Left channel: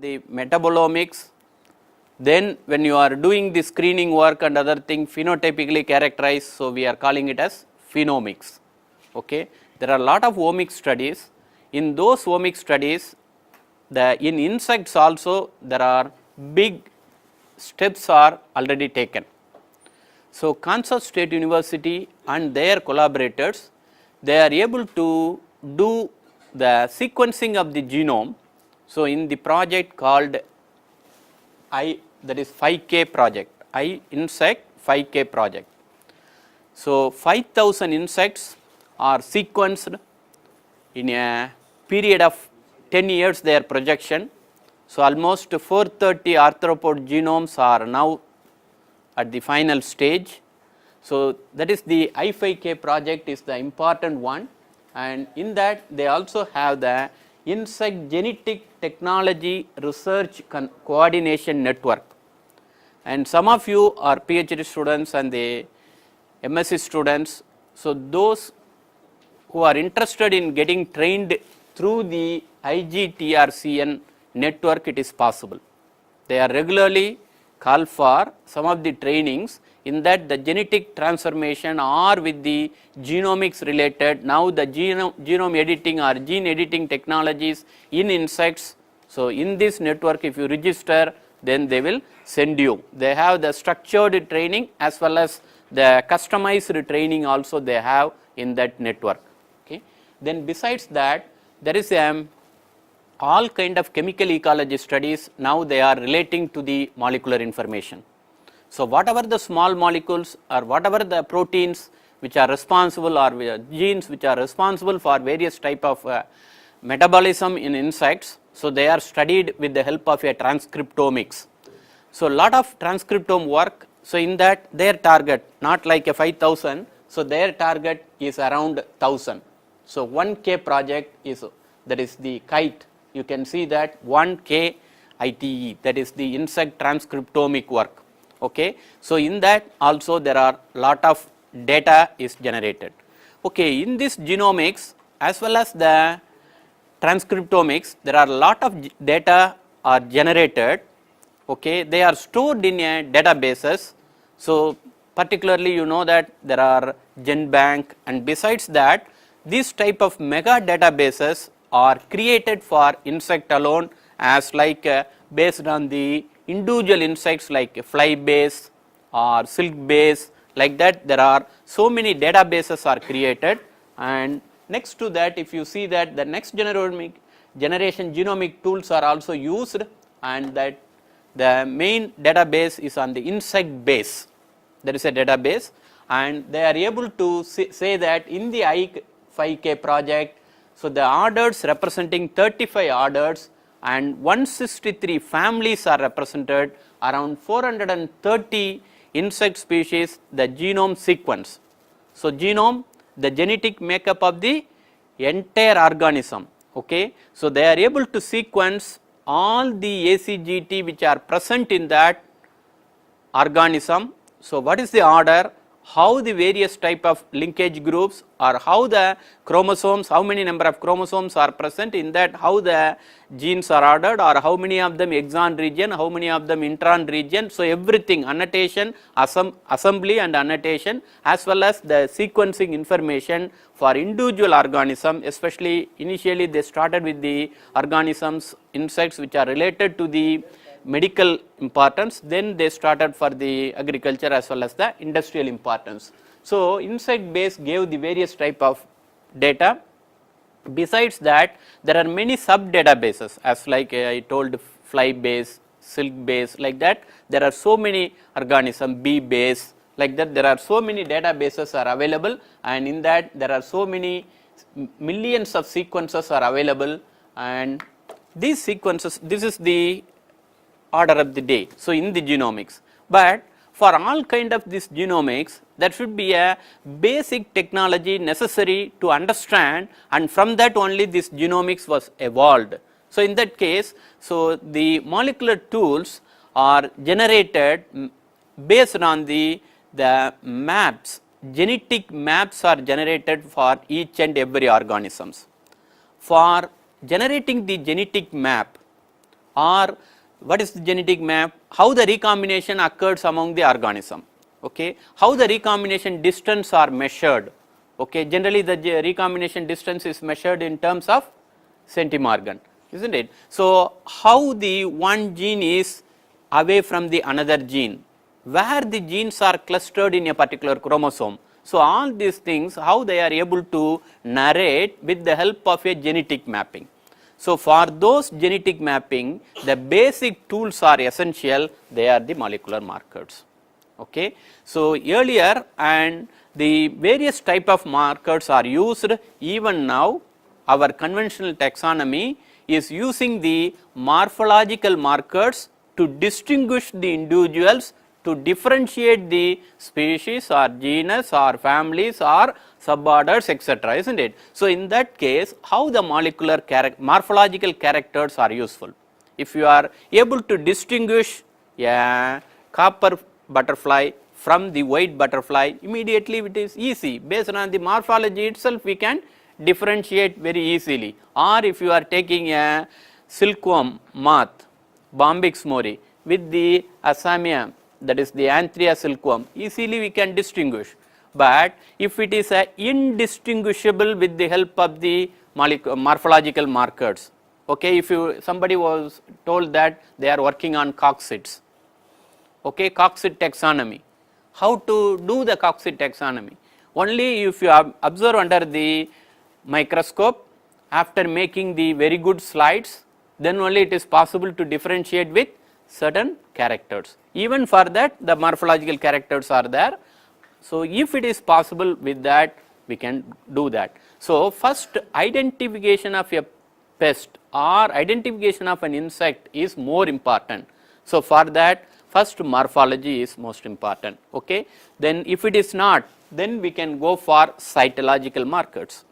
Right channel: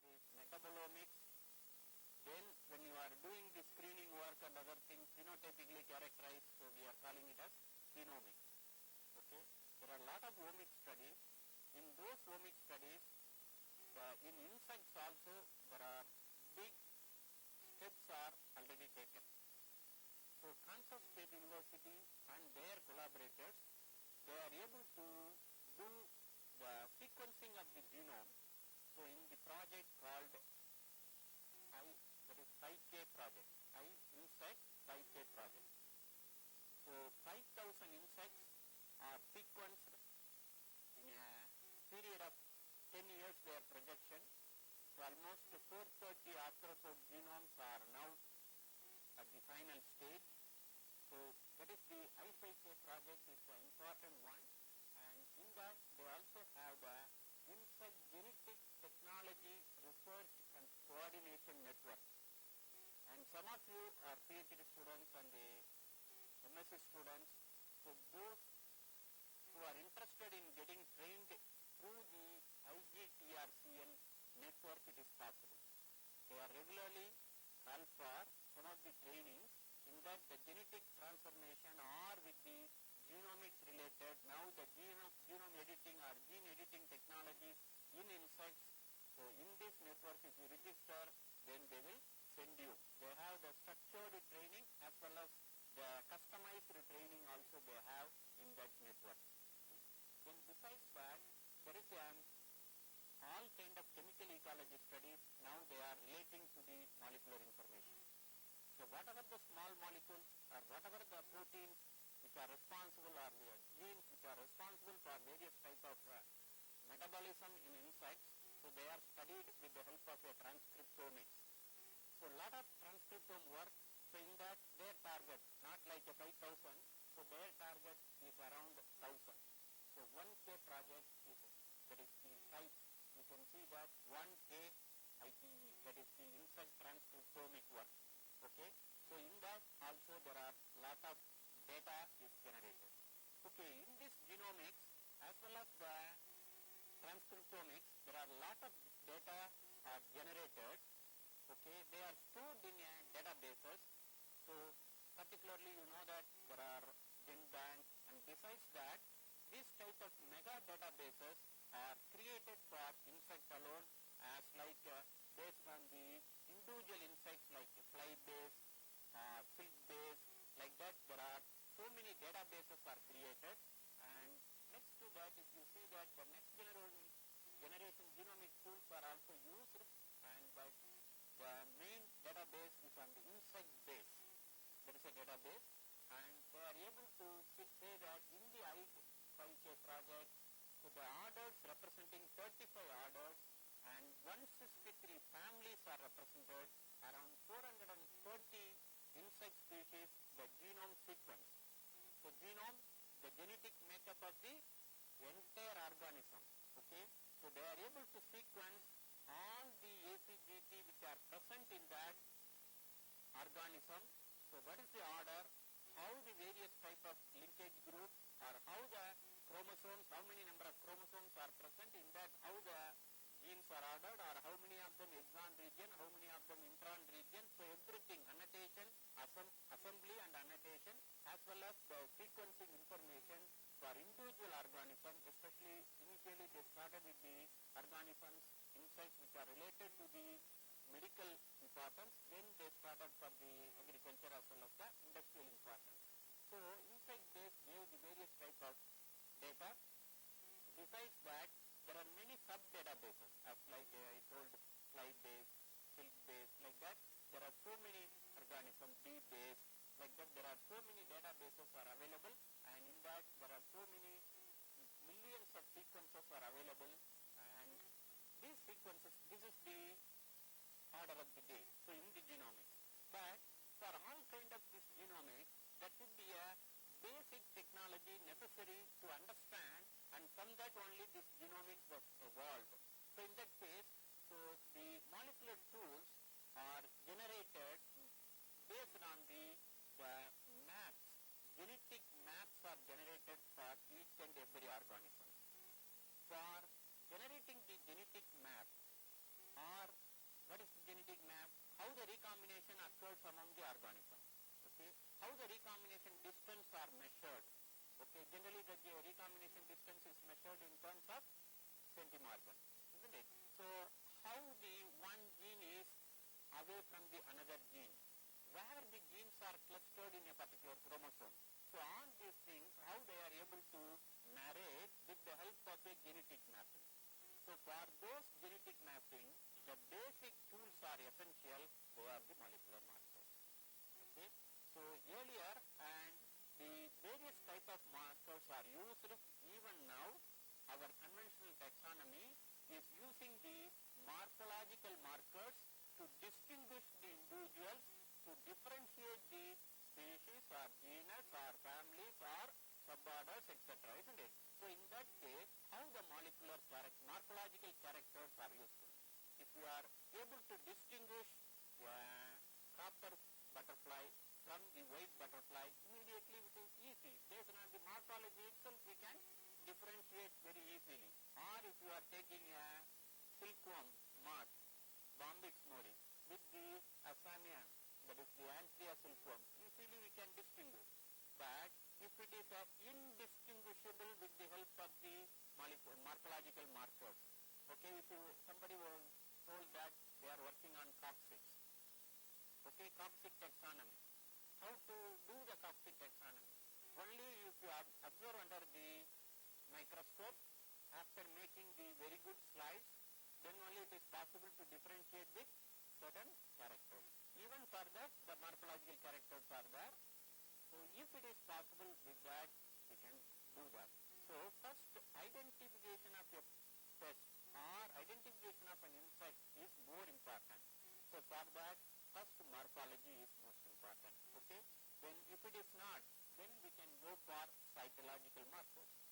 the metabolomics. Then when you are doing the screening work and other thing phenotypically characterized, so we are calling it as phenomics. Okay. There are a lot of omics studies. In those omics studies, in insects also there are big steps are already taken. So, Kansas State University and their collaborators, they are able to do the sequencing of the genome. So, in the project called that is 5K project, insect 5K project. So, 5,000 insects are sequenced in a period of 10 years their projection. So, almost 430 arthropod genomes are now at the final stage. So, that is the I5K project is the important one, and in that they also have the insect genetic technology research coordination network. And some of you are PhD students and the MSc students. So, those who are interested in getting trained through the IGTRCN network, it is possible. They are regularly called for some of the trainings in that the genetic transformation or with the genomics related, now the genome editing or gene editing technologies in insects. So, in this network if you register, then they will send you. They have the structured training as well as the customized training also they have in that network. Okay. Then besides that, there is all kind of chemical ecology studies, now they are relating to the molecular information. So, whatever the small molecules or whatever the proteins which are responsible or genes which are responsible for various type of metabolism in insects, so they are studied with the help of a transcriptomics. So, lot of transcriptome work. So, in that their target not like a 5,000, so their target is around 1,000. So, 1K project is, that is the KITE, you can see that 1K ITE, that is the insect transcriptomic work. Okay. So, in that also there are lot of data is generated. Okay. In this genomics as well as the transcriptomics, there are lot of data are generated. Okay. They are stored in a databases. So, particularly you know that there are GenBank, and besides that these type of mega databases are created for insect alone, as like based on the individual insects like fly base or silk base, like that there are so many databases are created. And next to that, if you see that the next generation genomic tools are also used, and that the main database is on the insect base. There is a database, and they are able to say that in the I5K project, so the orders representing 35 orders and 163 families are represented, around 430 insect species, the genome sequence. So, genome, the genetic makeup of the entire organism. Okay. So, they are able to sequence all the ACGT which are present in that organism. So, what is the order, how the various type of linkage groups, or how the chromosomes, how many number of chromosomes are present in that, how the genes are ordered, or how many of them exon region, how many of them intron region. So, everything annotation, assembly and annotation, as well as the sequencing information for individual organism, especially initially they started with the organisms, insects which are related to the medical importance, then they started for the agriculture as well as the industrial importance. So, insect base gave the various type of data. Besides that, there are many sub databases, as like I told, fly base, silk base, like that there are so many organism, bee base, like that there are so many databases are available, and in that there are so many millions of sequences are available, and these sequences, this is the order of the day. So, in the genomics, but for all kind of this genomics, there should be a basic technology necessary to understand, and from that only this genomics was evolved. So, in that case, so the molecular tools are generated based on the maps, genetic maps are generated for each and every organisms. For generating the genetic map, or what is the genetic map, how the recombination occurs among the organism, okay, how the recombination distance are measured, okay, generally the recombination distance is measured in terms of centimorgan, isn't it. So, how the one gene is away from the another gene, where the genes are clustered in a particular chromosome. So, all these things how they are able to narrate with the help of a genetic mapping. So, for those genetic mapping, the basic tools are essential, they are the molecular markers. Okay. So, earlier and the various type of markers are used, even now our conventional taxonomy is using the morphological markers to distinguish the individuals, to differentiate the species or genus or families or suborders, etc., isn't it. So, in that case, how the molecular morphological characters are useful. If you are able to distinguish a copper butterfly from the white butterfly, immediately it is easy. Based on the morphology itself, we can differentiate very easily. Or if you are taking a silkworm moth, Bombyx mori, with the Assamia, that is the Anthrea silkworm, easily we can distinguish. But if it is indistinguishable with the help of the morphological markers, okay, if somebody was told that they are working on coccids, okay, coccid taxonomy, how to do the coccid taxonomy? Only if you observe under the microscope, after making the very good slides, then only it is possible to differentiate with certain characters. Even for that, the morphological characters are there. So, if it is possible with that, we can do that. So, first identification of a pest or identification of an insect is more important. So, for that, first morphology is most important. Okay. Then if it is not, then we can go for cytological markers.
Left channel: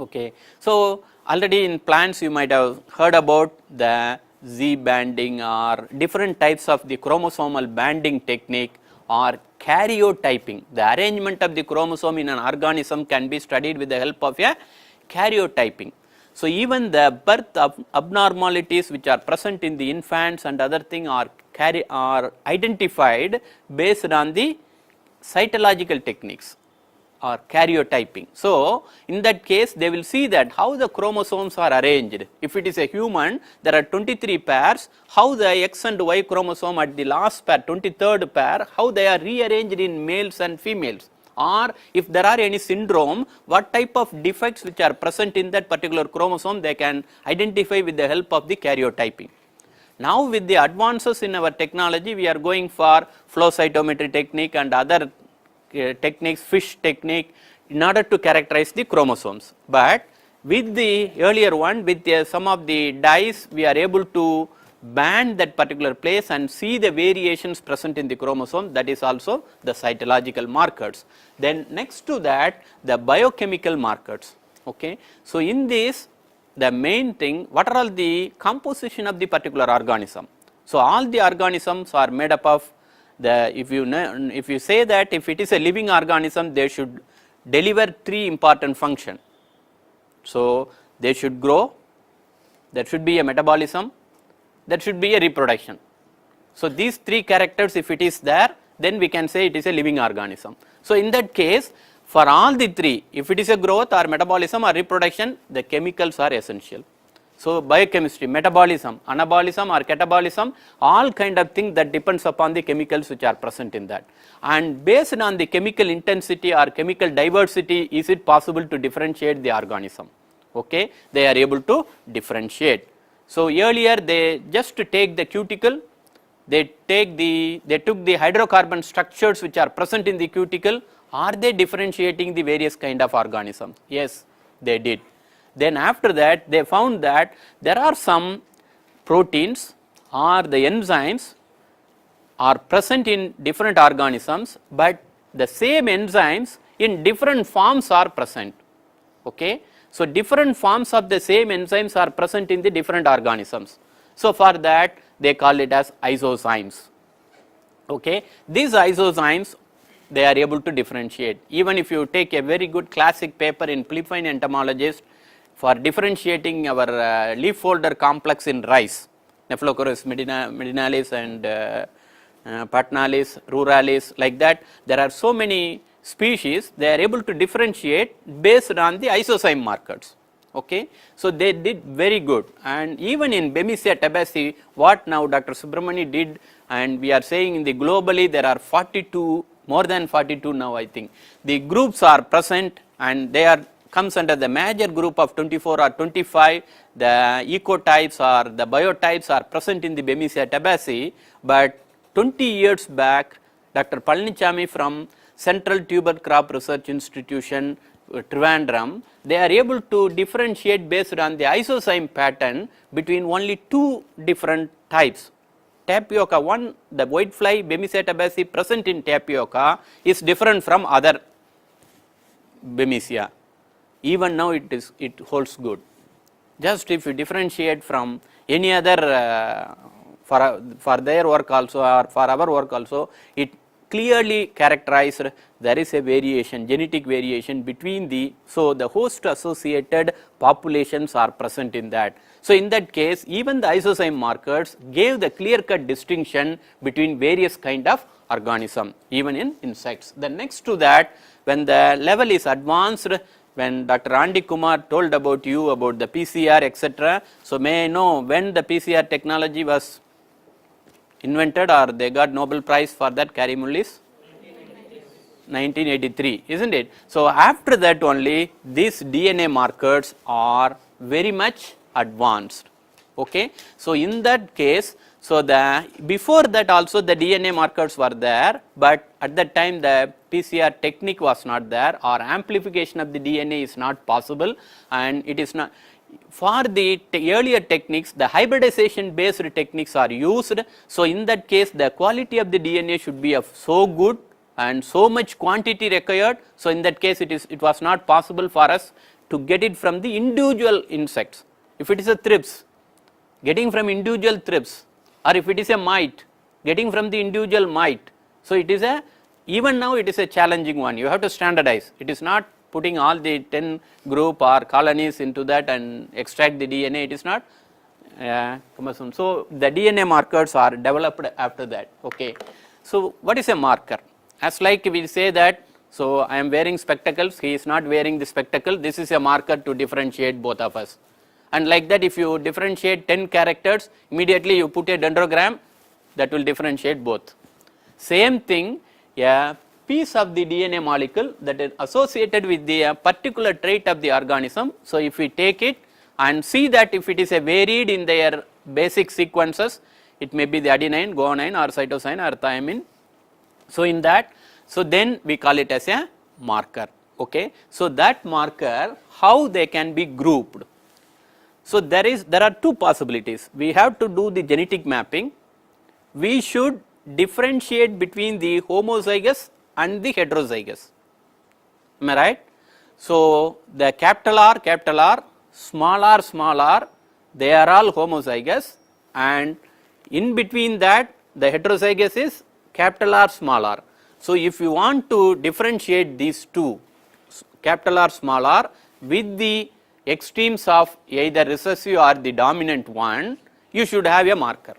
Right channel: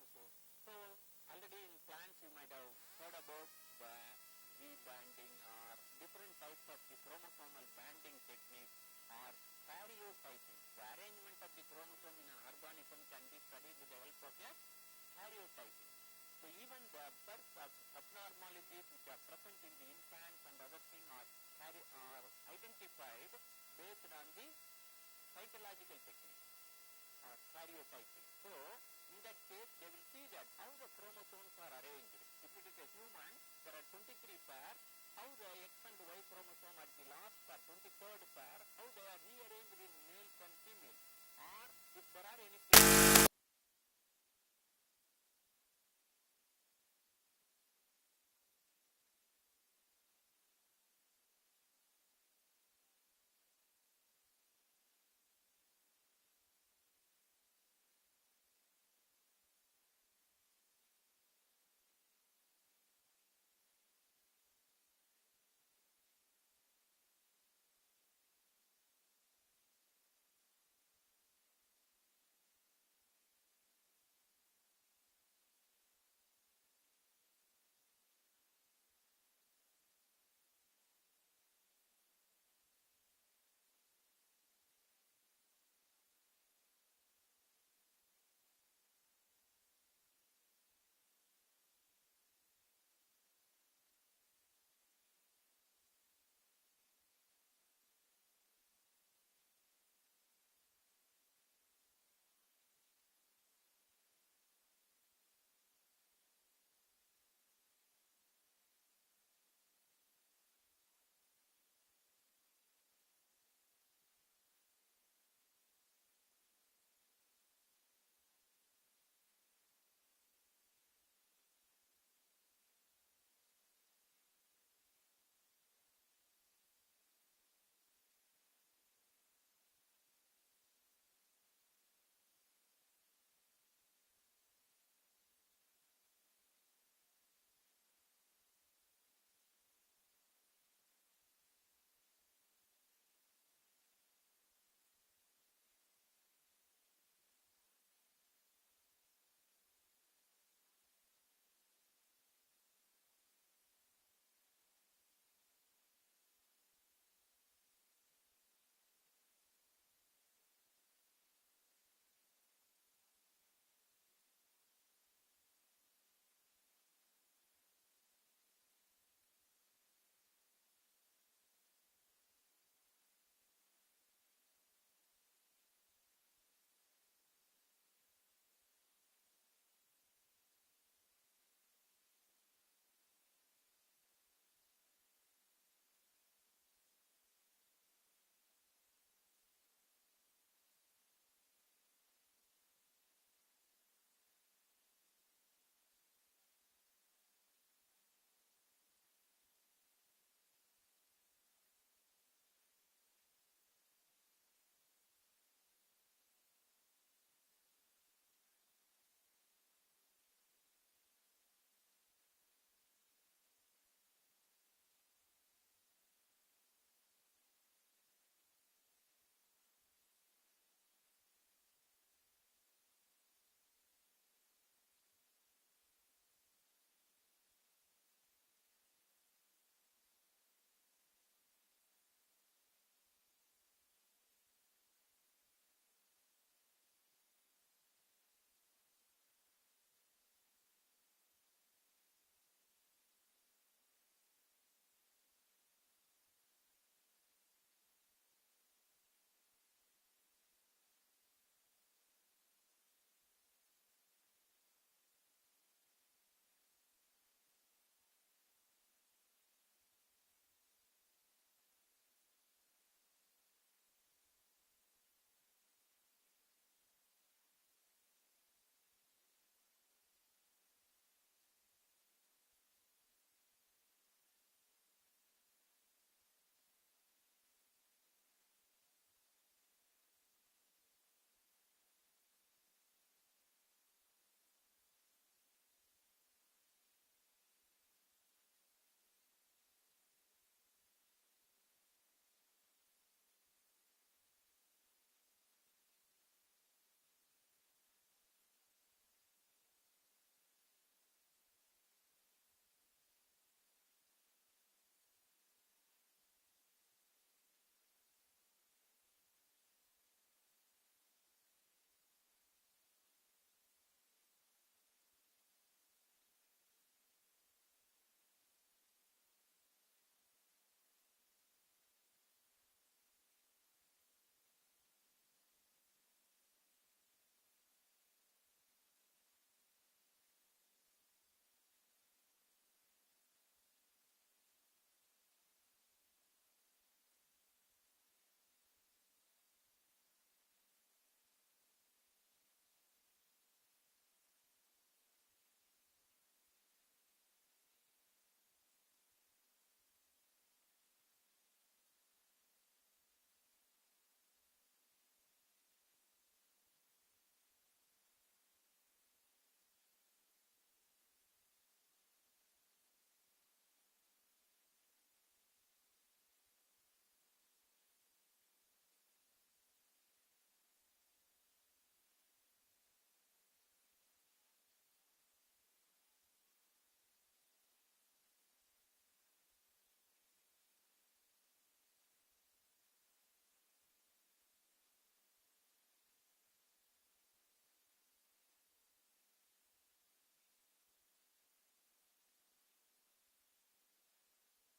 Okay. So, already in plants you might have heard about the Z banding or different types of the chromosomal banding technique or karyotyping. The arrangement of the chromosome in an organism can be studied with the help of a karyotyping. So, even the birth abnormalities which are present in the infants and other thing are identified based on the cytological techniques or karyotyping. So, in that case they will see that how the chromosomes are arranged. If it is a human, there are 23 pairs, how the X and Y chromosome at the last pair, 23rd pair, how they are rearranged in males and females, or if there are any syndrome, what type of defects which are present in that particular chromosome they can identify with the help of the karyotyping. Now, with the advances in our technology, we are going for flow cytometry technique and other techniques, fish technique, in order to characterize the chromosomes. But with the earlier one, with some of the dyes, we are able to band that particular place and see the variations present in the chromosome, that is also the cytological markers. Then next to that, the biochemical markers. Okay. So, in this, the main thing, what are all the composition of the particular organism. So, all the organisms are made up of the, if you say that if it is a living organism, they should deliver 3 important functions. So, they should grow, there should be a metabolism, there should be a reproduction. So, these 3 characters if it is there, then we can say it is a living organism. So, in that case, for all the 3, if it is a growth or metabolism or reproduction, the chemicals are essential. So, biochemistry, metabolism, anabolism or catabolism, all kind of things that depends upon the chemicals which are present in that. And based on the chemical intensity or chemical diversity, is it possible to differentiate the organism? Okay, they are able to differentiate. So, earlier they just take the cuticle, they took the hydrocarbon structures which are present in the cuticle. Are they differentiating the various kind of organisms? Yes, they did. Then after that, they found that there are some proteins or the enzymes are present in different organisms, but the same enzymes in different forms are present. Okay. So, different forms of the same enzymes are present in the different organisms. So, for that they call it as isozymes. Okay. These isozymes, they are able to differentiate. Even if you take a very good classic paper in Philippine entomologist for differentiating our leaf folder complex in rice, Nephlocorus medinalis and patnalis, ruralis, like that. There are so many species, they are able to differentiate based on the isozyme markers. Okay. So, they did very good, and even in Bemisia tabaci, what now Dr. Subramani did, and we are saying in the globally there are 42, more than 42 now I think. The groups are present and they are comes under the major group of 24 or 25. The ecotypes or the biotypes are present in the Bemisia tabaci, but 20 years back Dr. Palanichami from Central Tuber Crop Research Institution, Trivandrum, they are able to differentiate based on the isozyme pattern between only 2 different types. Tapioca 1, the whitefly Bemisia tabaci present in tapioca is different from other Bemisia. Even now it holds good. Just if you differentiate from any other for their work also or for our work also, it clearly characterized there is a variation, genetic variation between the, so the host associated populations are present in that. So, in that case even the isozyme markers gave the clear cut distinction between various kind of organism even in insects. Then next to that, when the level is advanced, when Dr. Andy Kumar told about you about the PCR etc. So, may I know when the PCR technology was invented or they got Nobel Prize for that, Kary Mullis? 1983, isn't it? So, after that only these DNA markers are very much advanced. Okay. So, in that case, so the before that also the DNA markers were there, but at that time the PCR technique was not there or amplification of the DNA is not possible, and it is not. For the earlier techniques, the hybridization based techniques are used. So, in that case the quality of the DNA should be of so good and so much quantity required. So, in that case it was not possible for us to get it from the individual insects. If it is a thrips, getting from individual thrips, or if it is a mite, getting from the individual mite. So, it is a, even now it is a challenging one, you have to standardize. It is not putting all the 10 group or colonies into that and extract the DNA, it is not cumbersome. So, the DNA markers are developed after that. Okay. So, what is a marker? As like we say that, so I am wearing spectacles, he is not wearing the spectacle, this is a marker to differentiate both of us. And like that, if you differentiate 10 characters, immediately you put a dendrogram, that will differentiate both. Same thing, a piece of the DNA molecule that is associated with the particular trait of the organism. So, if we take it and see that if it is a varied in their basic sequences, it may be the adenine, guanine or cytosine or thymine. So, in that, so then we call it as a marker. Okay. So, that marker, how they can be grouped. So, there are 2 possibilities. We have to do the genetic mapping. We should differentiate between the homozygous and the heterozygous. Am I right? So, the capital R, small r, they are all homozygous, and in between that the heterozygous is capital R, small r. So, if you want to differentiate these 2, capital R, small r, with the extremes of either recessive or the dominant one, you should have a marker.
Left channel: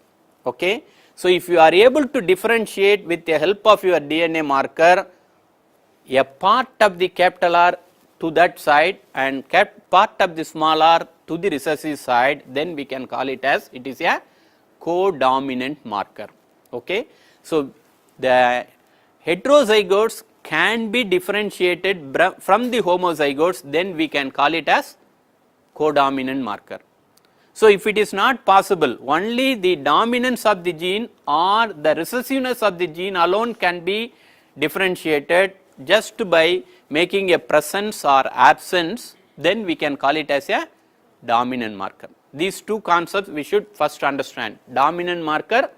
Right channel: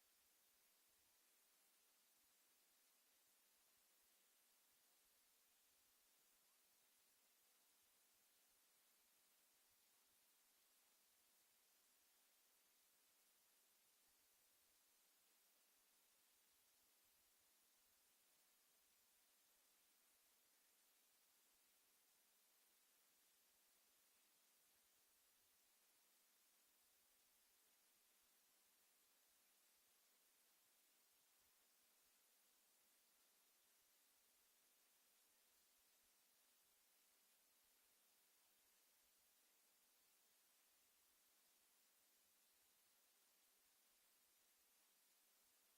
Okay. So, if you are able to differentiate with the help of your DNA marker a part of the capital R to that side and part of the small r to the recessive side, then we can call it as it is a codominant marker. Okay. So, the heterozygotes can be differentiated from the homozygotes, then we can call it as codominant marker. So, if it is not possible, only the dominance of the gene or the recessiveness of the gene alone can be differentiated just by making a presence or absence, then we can call it as a dominant marker. These 2 concepts we should first understand: dominant marker,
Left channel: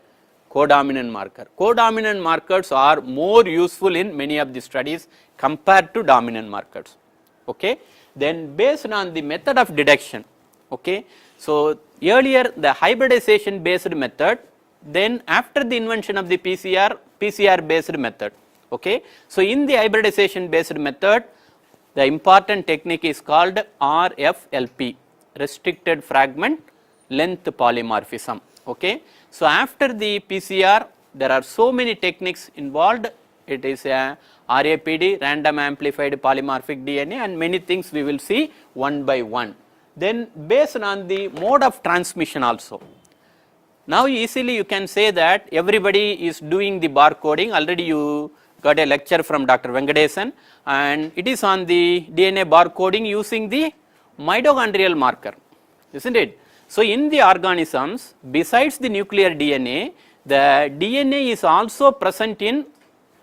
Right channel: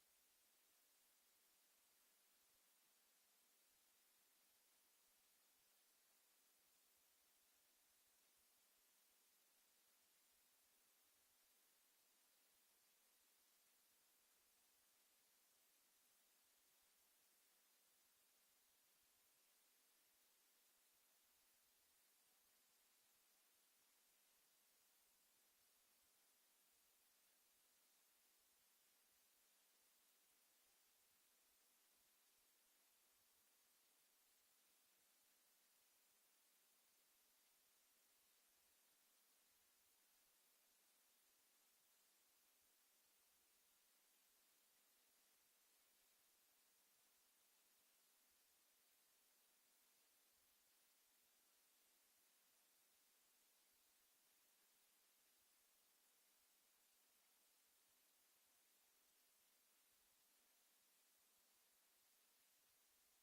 codominant marker. Codominant markers are more useful in many of the studies compared to dominant markers. Okay. Then based on the method of detection. Okay. So, earlier the hybridization based method, then after the invention of the PCR based method. Okay. So, in the hybridization based method, the important technique is called RFLP, restricted fragment length polymorphism. Okay. So, after the PCR there are so many techniques involved. It is a RAPD, random amplified polymorphic DNA, and many things we will see one by one. Then based on the mode of transmission also. Now easily you can say that everybody is doing the barcoding. Already you got a lecture from Dr. Venkatesan, and it is on the DNA barcoding using the mitochondrial marker, isn't it? So in the organisms, besides the nuclear DNA, the DNA is also present in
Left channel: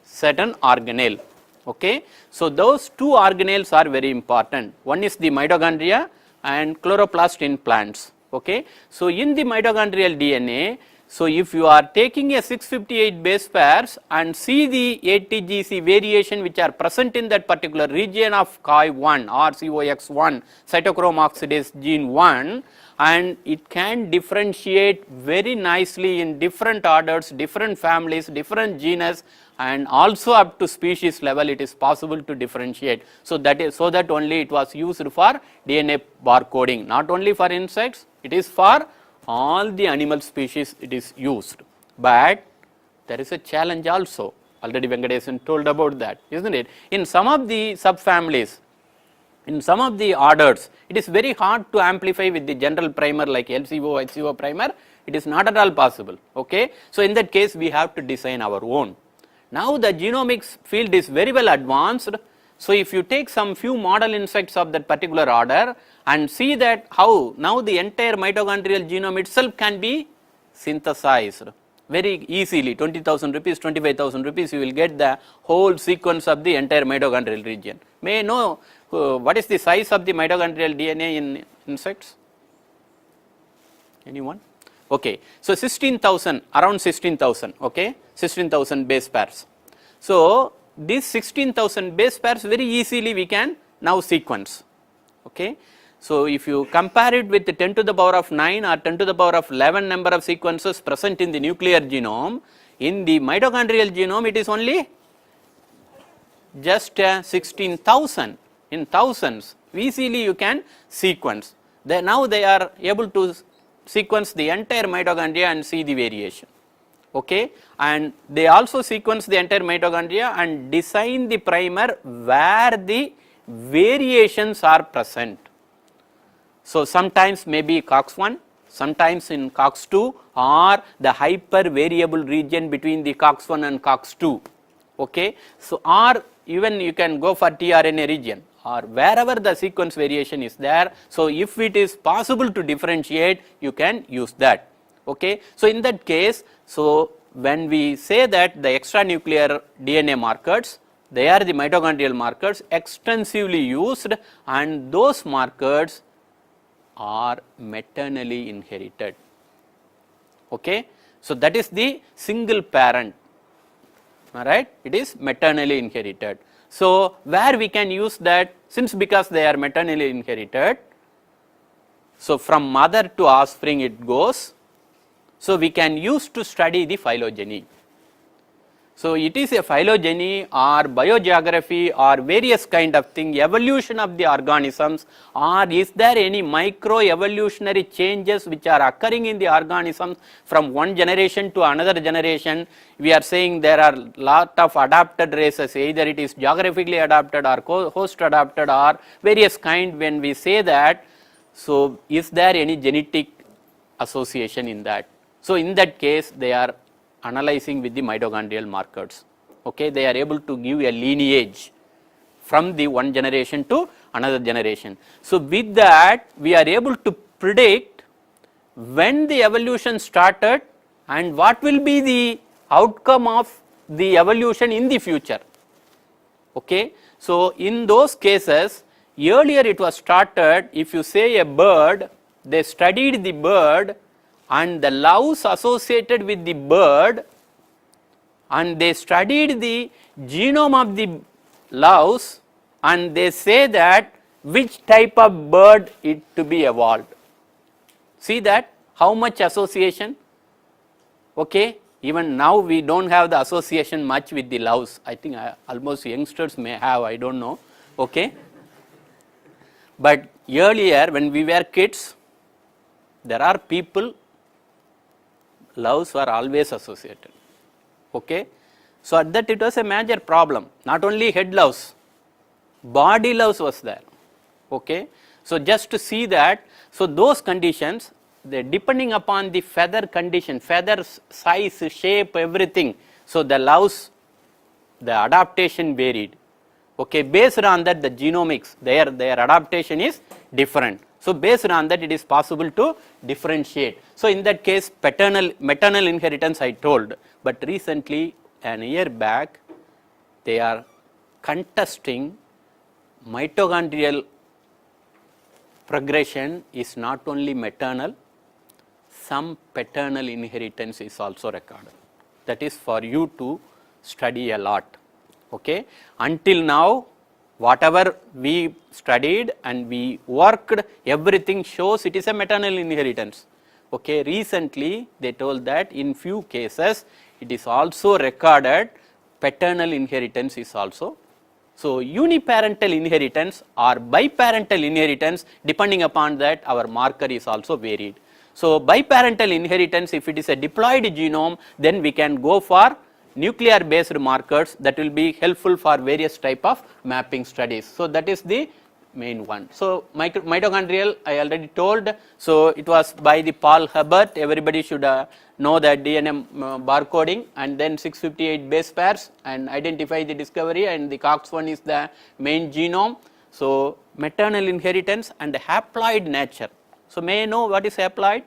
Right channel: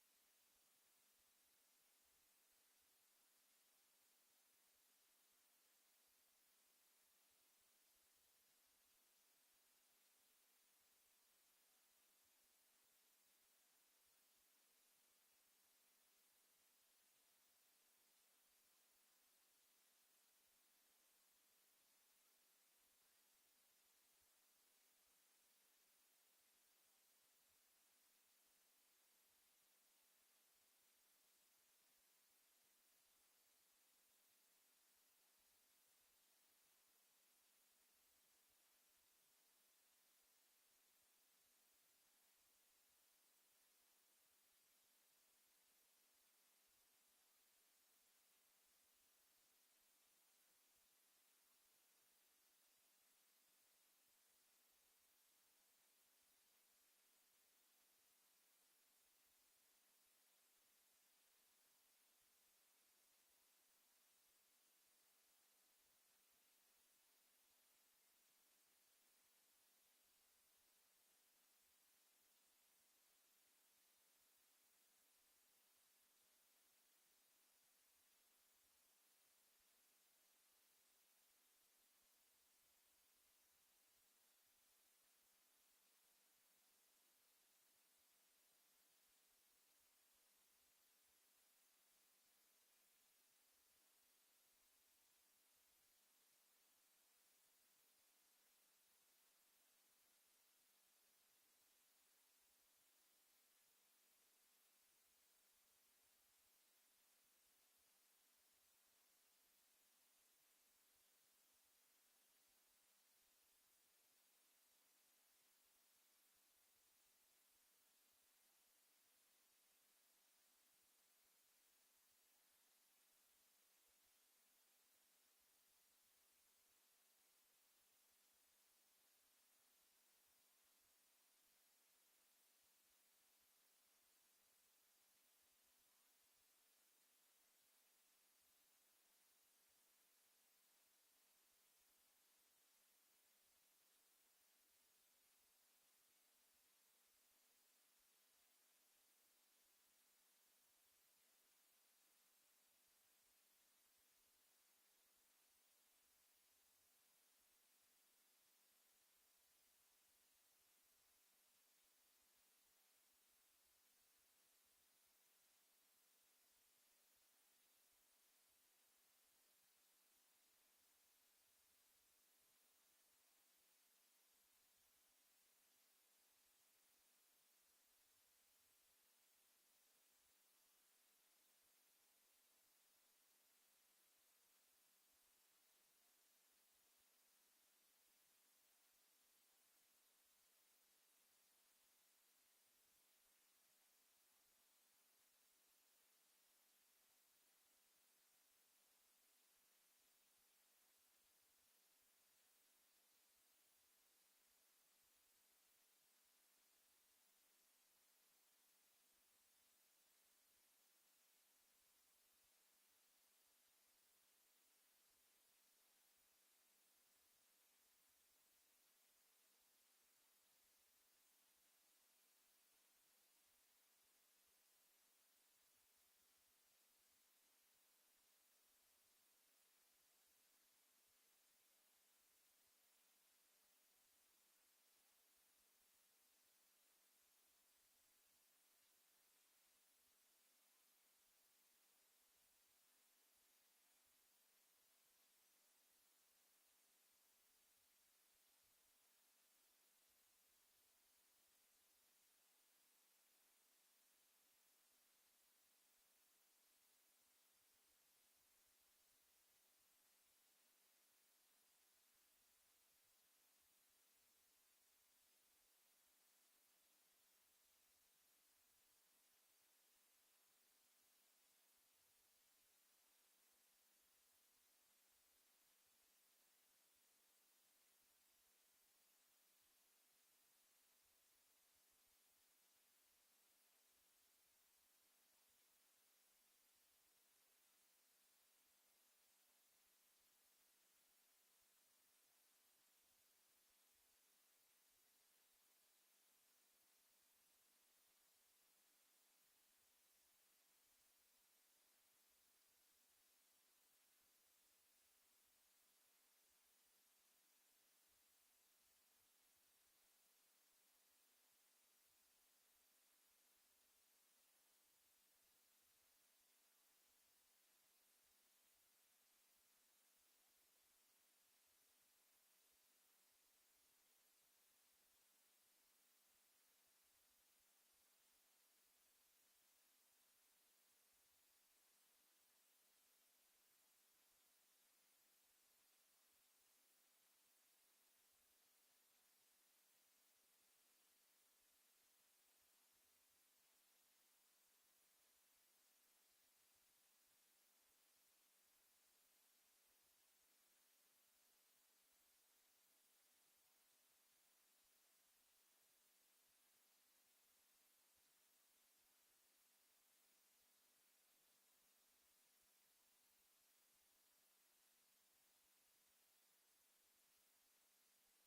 certain organelle. Okay. So those two organelles are very important. One is the mitochondria and chloroplast in plants. Okay. So in the mitochondrial DNA, so if you are taking a 658 base pairs and see the ATGC variation which are present in that particular region of COI1 or COX1, cytochrome oxidase gene 1, and it can differentiate very nicely in different orders, different families, different genus, and also up to species level it is possible to differentiate. So that is so that only it was used for DNA barcoding, not only for insects, it is for all the animal species it is used. But there is a challenge also, already Venkatesan told about that, isn't it? In some of the subfamilies, in some of the orders, it is very hard to amplify with the general primer like LCO, HCO primer, it is not at all possible. Okay? So in that case we have to design our own. Now the genomics field is very well advanced. So if you take some few model insects of that particular order and see that how now the entire mitochondrial genome itself can be synthesized very easily, 20,000 rupees, 25,000 rupees, you will get the whole sequence of the entire mitochondrial region. May I know what is the size of the mitochondrial DNA in insects? Anyone? Okay. So 16,000, around 16,000, okay, 16,000 base pairs. So these 16,000 base pairs very easily we can now sequence, okay. So if you compare it with the 10 to the power of 9 or 10 to the power of 11 number of sequences present in the nuclear genome, in the mitochondrial genome it is only just 16,000, in thousands, easily you can sequence. Now they are able to sequence the entire mitochondria and see the variation. Okay, and they also sequence the entire mitochondria and design the primer where the variations are present. So sometimes maybe COX1, sometimes in COX2 or the hyper variable region between the COX1 and COX2. Okay, so or even you can go for tRNA region or wherever the sequence variation is there. So if it is possible to differentiate, you can use that. Okay, so in that case, so when we say that the extranuclear DNA markers, they are the mitochondrial markers extensively used, and those markers are maternally inherited. Okay, so that is the single parent. All right, it is maternally inherited. So where we can use that, since because they are maternally inherited, so from mother to offspring it goes. So we can use to study the phylogeny. So it is a phylogeny or biogeography or various kind of thing, evolution of the organisms, or is there any micro evolutionary changes which are occurring in the organisms from one generation to another generation. We are saying there are lot of adapted races, either it is geographically adapted or host adapted or various kind. When we say that, so is there any genetic association in that? So in that case they are analyzing with the mitochondrial markers. Okay, they are able to give a lineage from the one generation to another generation. So with that we are able to predict when the evolution started and what will be the outcome of the evolution in the future. Okay, so in those cases, earlier it was started, if you say a bird, they studied the bird and the louse associated with the bird, and they studied the genome of the louse, and they say that which type of bird it to be evolved. See that how much association. Okay, even now we don't have the association much with the louse. I think almost youngsters may have, I don't know. Okay, but earlier when we were kids, there are people loves were always associated. Okay. So, at that it was a major problem, not only head loves, body loves was there. Okay. So, just to see that, so those conditions, they depending upon the feather condition, feather size, shape, everything. So, the loves, the adaptation varied. Okay. Based on that, the genomics, their adaptation is different. So, based on that, it is possible to differentiate. So, in that case, maternal inheritance I told, but recently an year back they are contesting mitochondrial progression is not only maternal, some paternal inheritance is also recorded. That is for you to study a lot. Okay. Until now, whatever we studied and we worked, everything shows it is a maternal inheritance. Okay. Recently, they told that in few cases, it is also recorded paternal inheritance is also. So, uniparental inheritance or biparental inheritance, depending upon that our marker is also varied. So, biparental inheritance, if it is a diploid genome, then we can go for nuclear based markers that will be helpful for various type of mapping studies. So, that is the main one. So, mitochondrial I already told. So, it was by the Paul Hubbard, everybody should know that DNA barcoding and then 658 base pairs and identify the discovery, and the Cox one is the main genome. So, maternal inheritance and haploid nature. So, may I know what is haploid?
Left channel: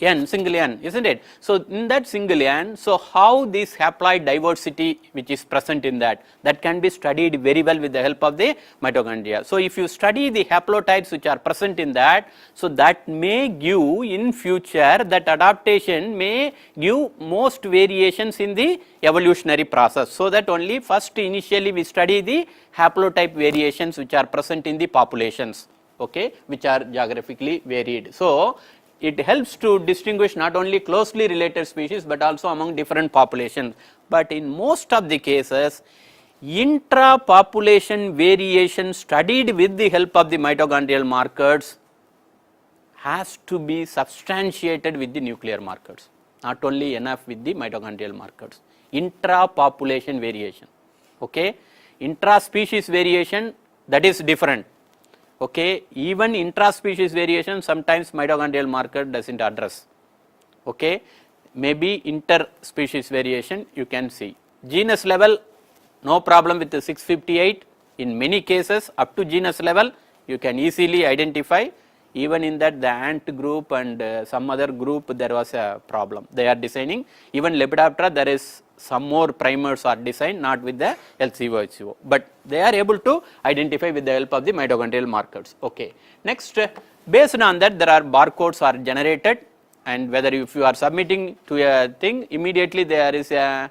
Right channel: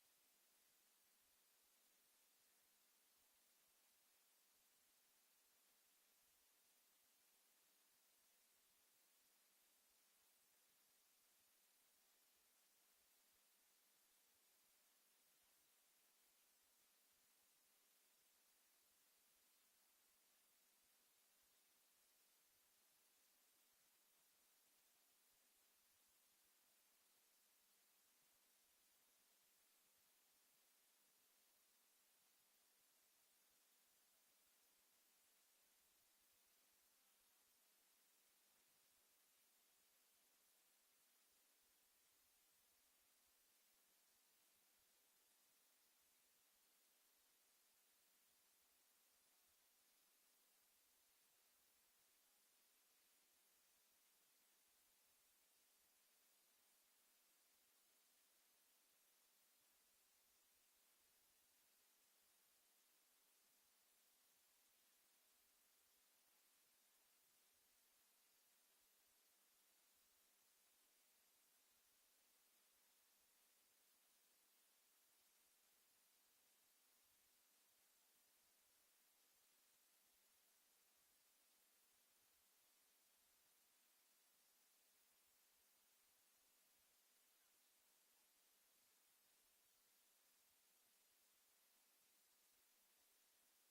N, single N, isn't it? So, in that single N, so how this haploid diversity which is present in that can be studied very well with the help of the mitochondria. So, if you study the haplotypes which are present in that, so that may give in future, that adaptation may give most variations in the evolutionary process. So, that only first initially we study the haplotype variations which are present in the populations, okay, which are geographically varied. So, it helps to distinguish not only closely related species, but also among different populations. But in most of the cases, intra-population variation studied with the help of the mitochondrial markers has to be substantiated with the nuclear markers, not only enough with the mitochondrial markers. Intra-population variation, okay. Intra-species variation, that is different. Okay, even intra-species variation sometimes mitochondrial marker does not address. Okay, maybe inter-species variation you can see. Genus level, no problem with the 658. In many cases, up to genus level, you can easily identify. Even in that, the ant group and some other group, there was a problem. They are designing. Even Lepidoptera, there is some more primers are designed, not with the LCO, HCO, but they are able to identify with the help of the mitochondrial markers. Okay. Next, based on that, there are barcodes are generated, and whether if you are submitting to a thing, immediately there is a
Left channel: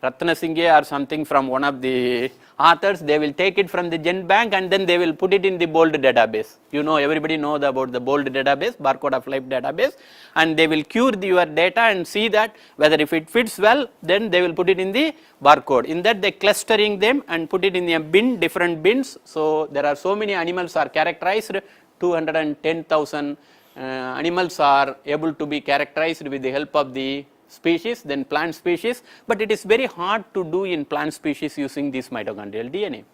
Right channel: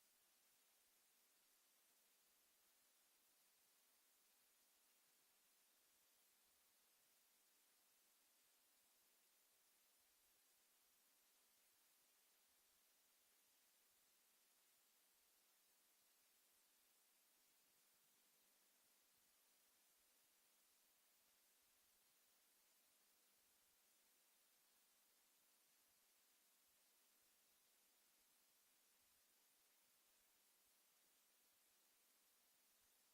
Ratnasinghe or something from one of the authors, they will take it from the GenBank and then they will put it in the BOLD database. You know, everybody knows about the BOLD database, barcode of life database, and they will cure your data and see that whether if it fits well, then they will put it in the barcode. In that, they clustering them and put it in a bin, different bins. So, there are so many animals are characterized, 210,000 animals are able to be characterized with the help of the species, then plant species, but it is very hard to do in plant species using this mitochondrial DNA.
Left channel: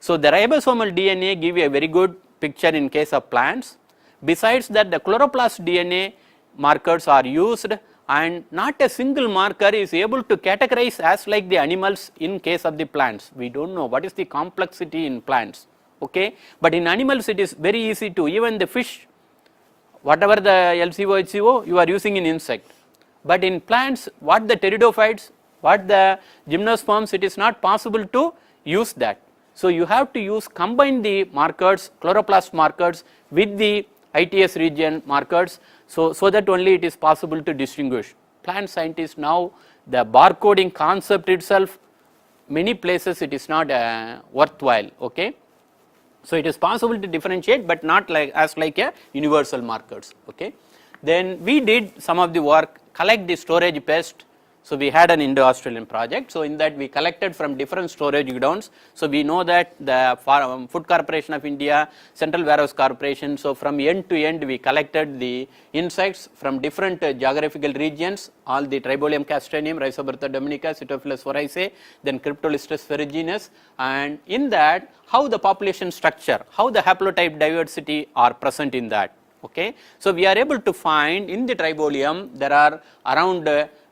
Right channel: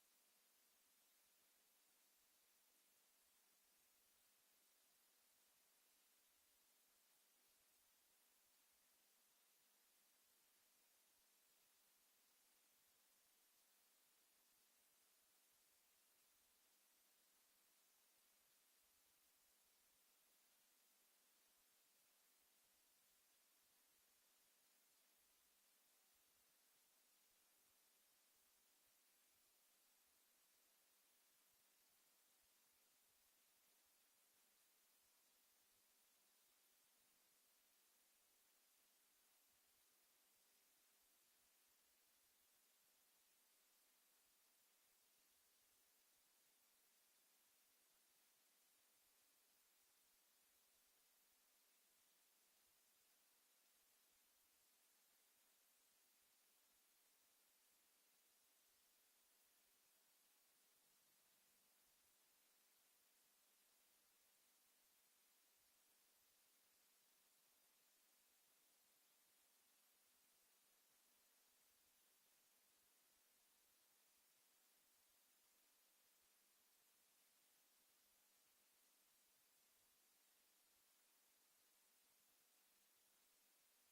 So, the ribosomal DNA give you a very good picture in case of plants. Besides that, the chloroplast DNA markers are used, and not a single marker is able to categorize as like the animals in case of the plants. We do not know what is the complexity in plants, okay? But in animals it is very easy to, even the fish, whatever the LCO, HCO, you are using in insect. But in plants, what the pteridophytes, what the gymnosperms, it is not possible to use that. So, you have to use combine the markers, chloroplast markers with the ITS region markers, so that only it is possible to distinguish. Plant scientists now, the barcoding concept itself, many places it is not worthwhile, okay. So, it is possible to differentiate, but not like as like a universal markers, okay. Then we did some of the work, collect the storage pest, So we had an Indo-Australian project. So in that we collected from different storage godowns. So we know that the Food Corporation of India, Central Warehouse Corporation. So from end to end we collected the insects from different geographical regions, all the Tribolium castranium, Rhizobertha dominica, Cytophilus voraceae, then Cryptolistes ferruginus, and in that how the population structure, how the haplotype diversity are present in that. Okay. So we are able to find in the Tribolium there are around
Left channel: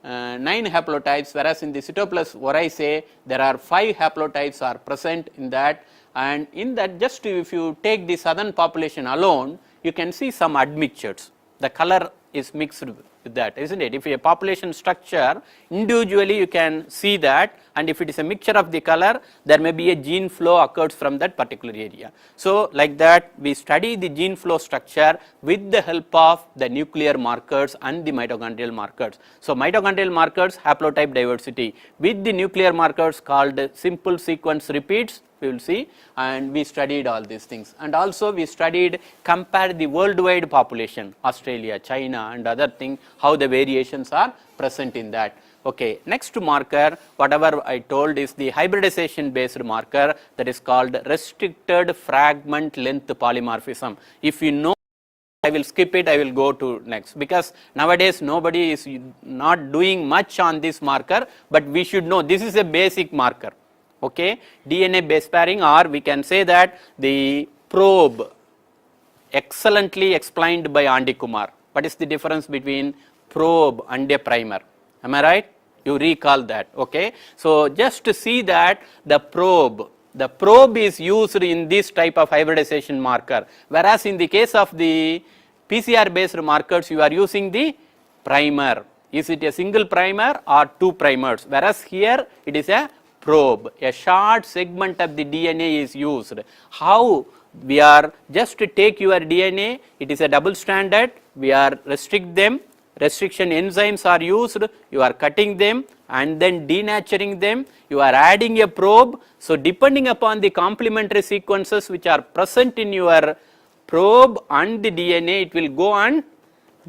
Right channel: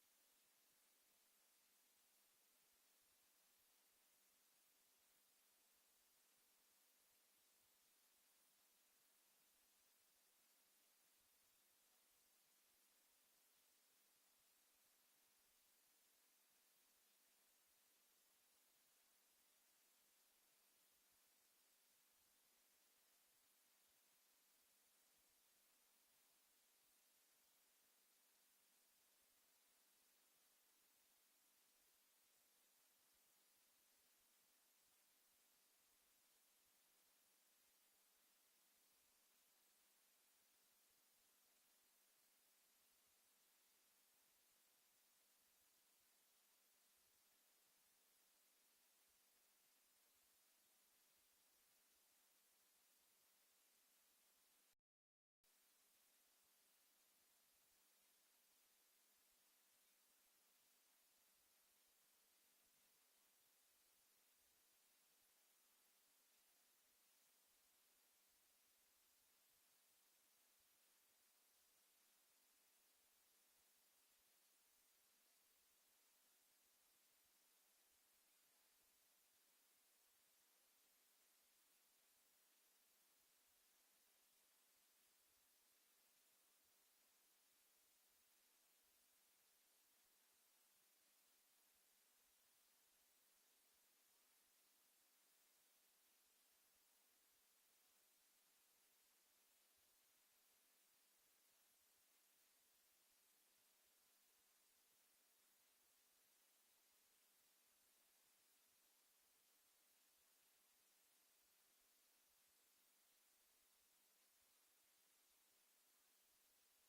9 haplotypes, whereas in the Cytophilus voraceae there are 5 haplotypes are present in that, and in that just if you take the southern population alone, you can see some admixtures. The color is mixed with that, isn't it? If a population structure individually you can see that, and if it is a mixture of the color, there may be a gene flow occurs from that particular area. So like that we study the gene flow structure with the help of the nuclear markers and the mitochondrial markers. So mitochondrial markers, haplotype diversity, with the nuclear markers called simple sequence repeats, we will see, and we studied all these things. And also we studied, compared the worldwide population, Australia, China and other thing, how the variations are present in that. Okay. Next marker, whatever I told, is the hybridization based marker, that is called restricted fragment length polymorphism. If you know, I will skip it, I will go to next, because nowadays nobody is not doing much on this marker, but we should know this is a basic marker. Okay. DNA base pairing, or we can say that the probe, excellently explained by Andy Kumar. What is the difference between probe and a primer? Am I right? You recall that. Okay. So just to see that the probe is used in this type of hybridization marker, whereas in the case of the PCR based markers you are using the primer. Is it a single primer or 2 primers? Whereas here it is a probe, a short segment of the DNA is used. How we are just to take your DNA, it is a double stranded, we are restrict them, restriction enzymes are used, you are cutting them and then denaturing them, you are adding a probe. So depending upon the complementary sequences which are present in your probe and the DNA, it will go and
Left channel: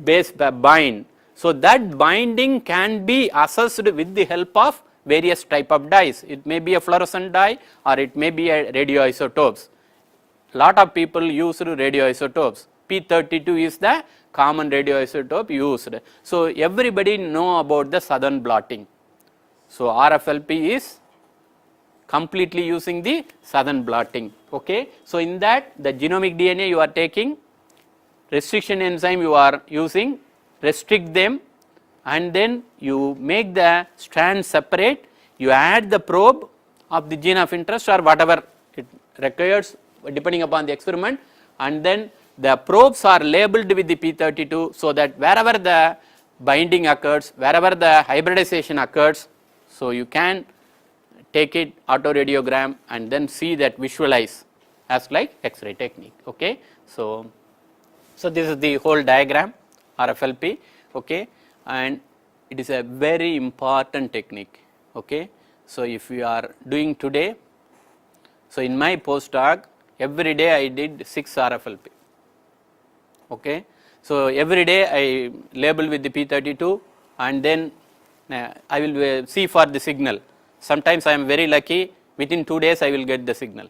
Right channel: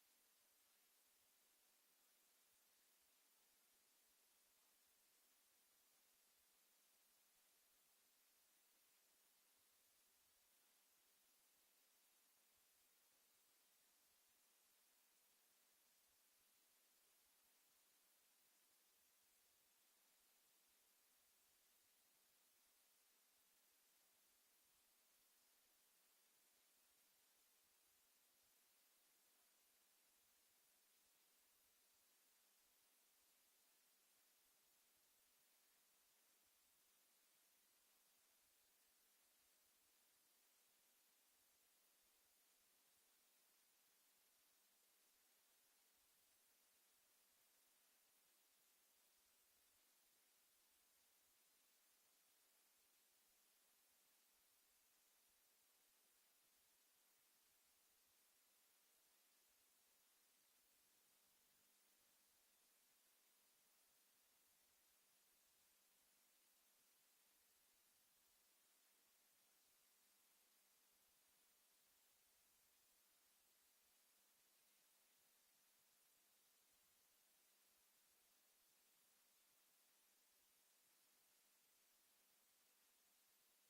base bind. So that binding can be assessed with the help of various type of dyes. It may be a fluorescent dye or it may be a radioisotopes. Lot of people use radioisotopes. P32 is the common radioisotope used. So everybody know about the southern blotting. So RFLP is completely using the southern blotting. Okay. So in that the genomic DNA you are taking, restriction enzyme you are using, restrict them, and then you make the strands separate, you add the probe of the gene of interest or whatever it requires depending upon the experiment, and then the probes are labeled with the P32, so that wherever the binding occurs, wherever the hybridization occurs, so you can take it autoradiogram and then see that, visualize as like X-ray technique. Okay. So this is the whole diagram, RFLP. Okay. And it is a very important technique. Okay. So if you are doing today, so in my postdoc every day I did 6 RFLP. Okay. So every day I label with the P32 and then I will see for the signal. Sometimes I am very lucky, within 2 days I will get the signal.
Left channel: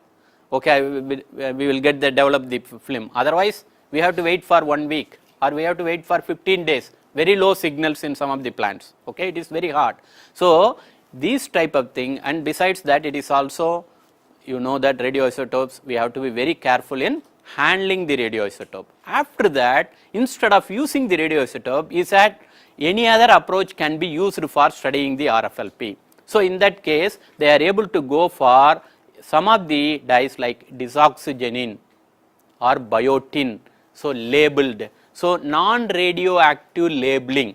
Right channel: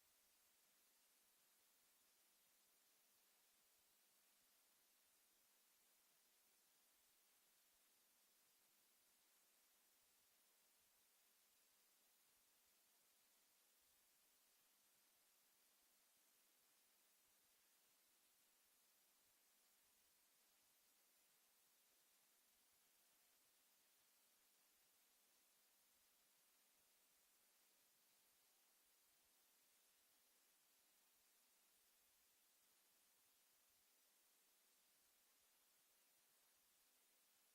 Okay, we will get the develop the film. Otherwise we have to wait for 1 week or we have to wait for 15 days. Very low signals in some of the plants. Okay, it is very hard. So these type of thing, and besides that it is also, you know that radioisotopes, we have to be very careful in handling the radioisotope. After that, instead of using the radioisotope, is that any other approach can be used for studying the RFLP. So in that case they are able to go for some of the dyes like desoxygenin or biotin, so labeled. So non-radioactive labeling,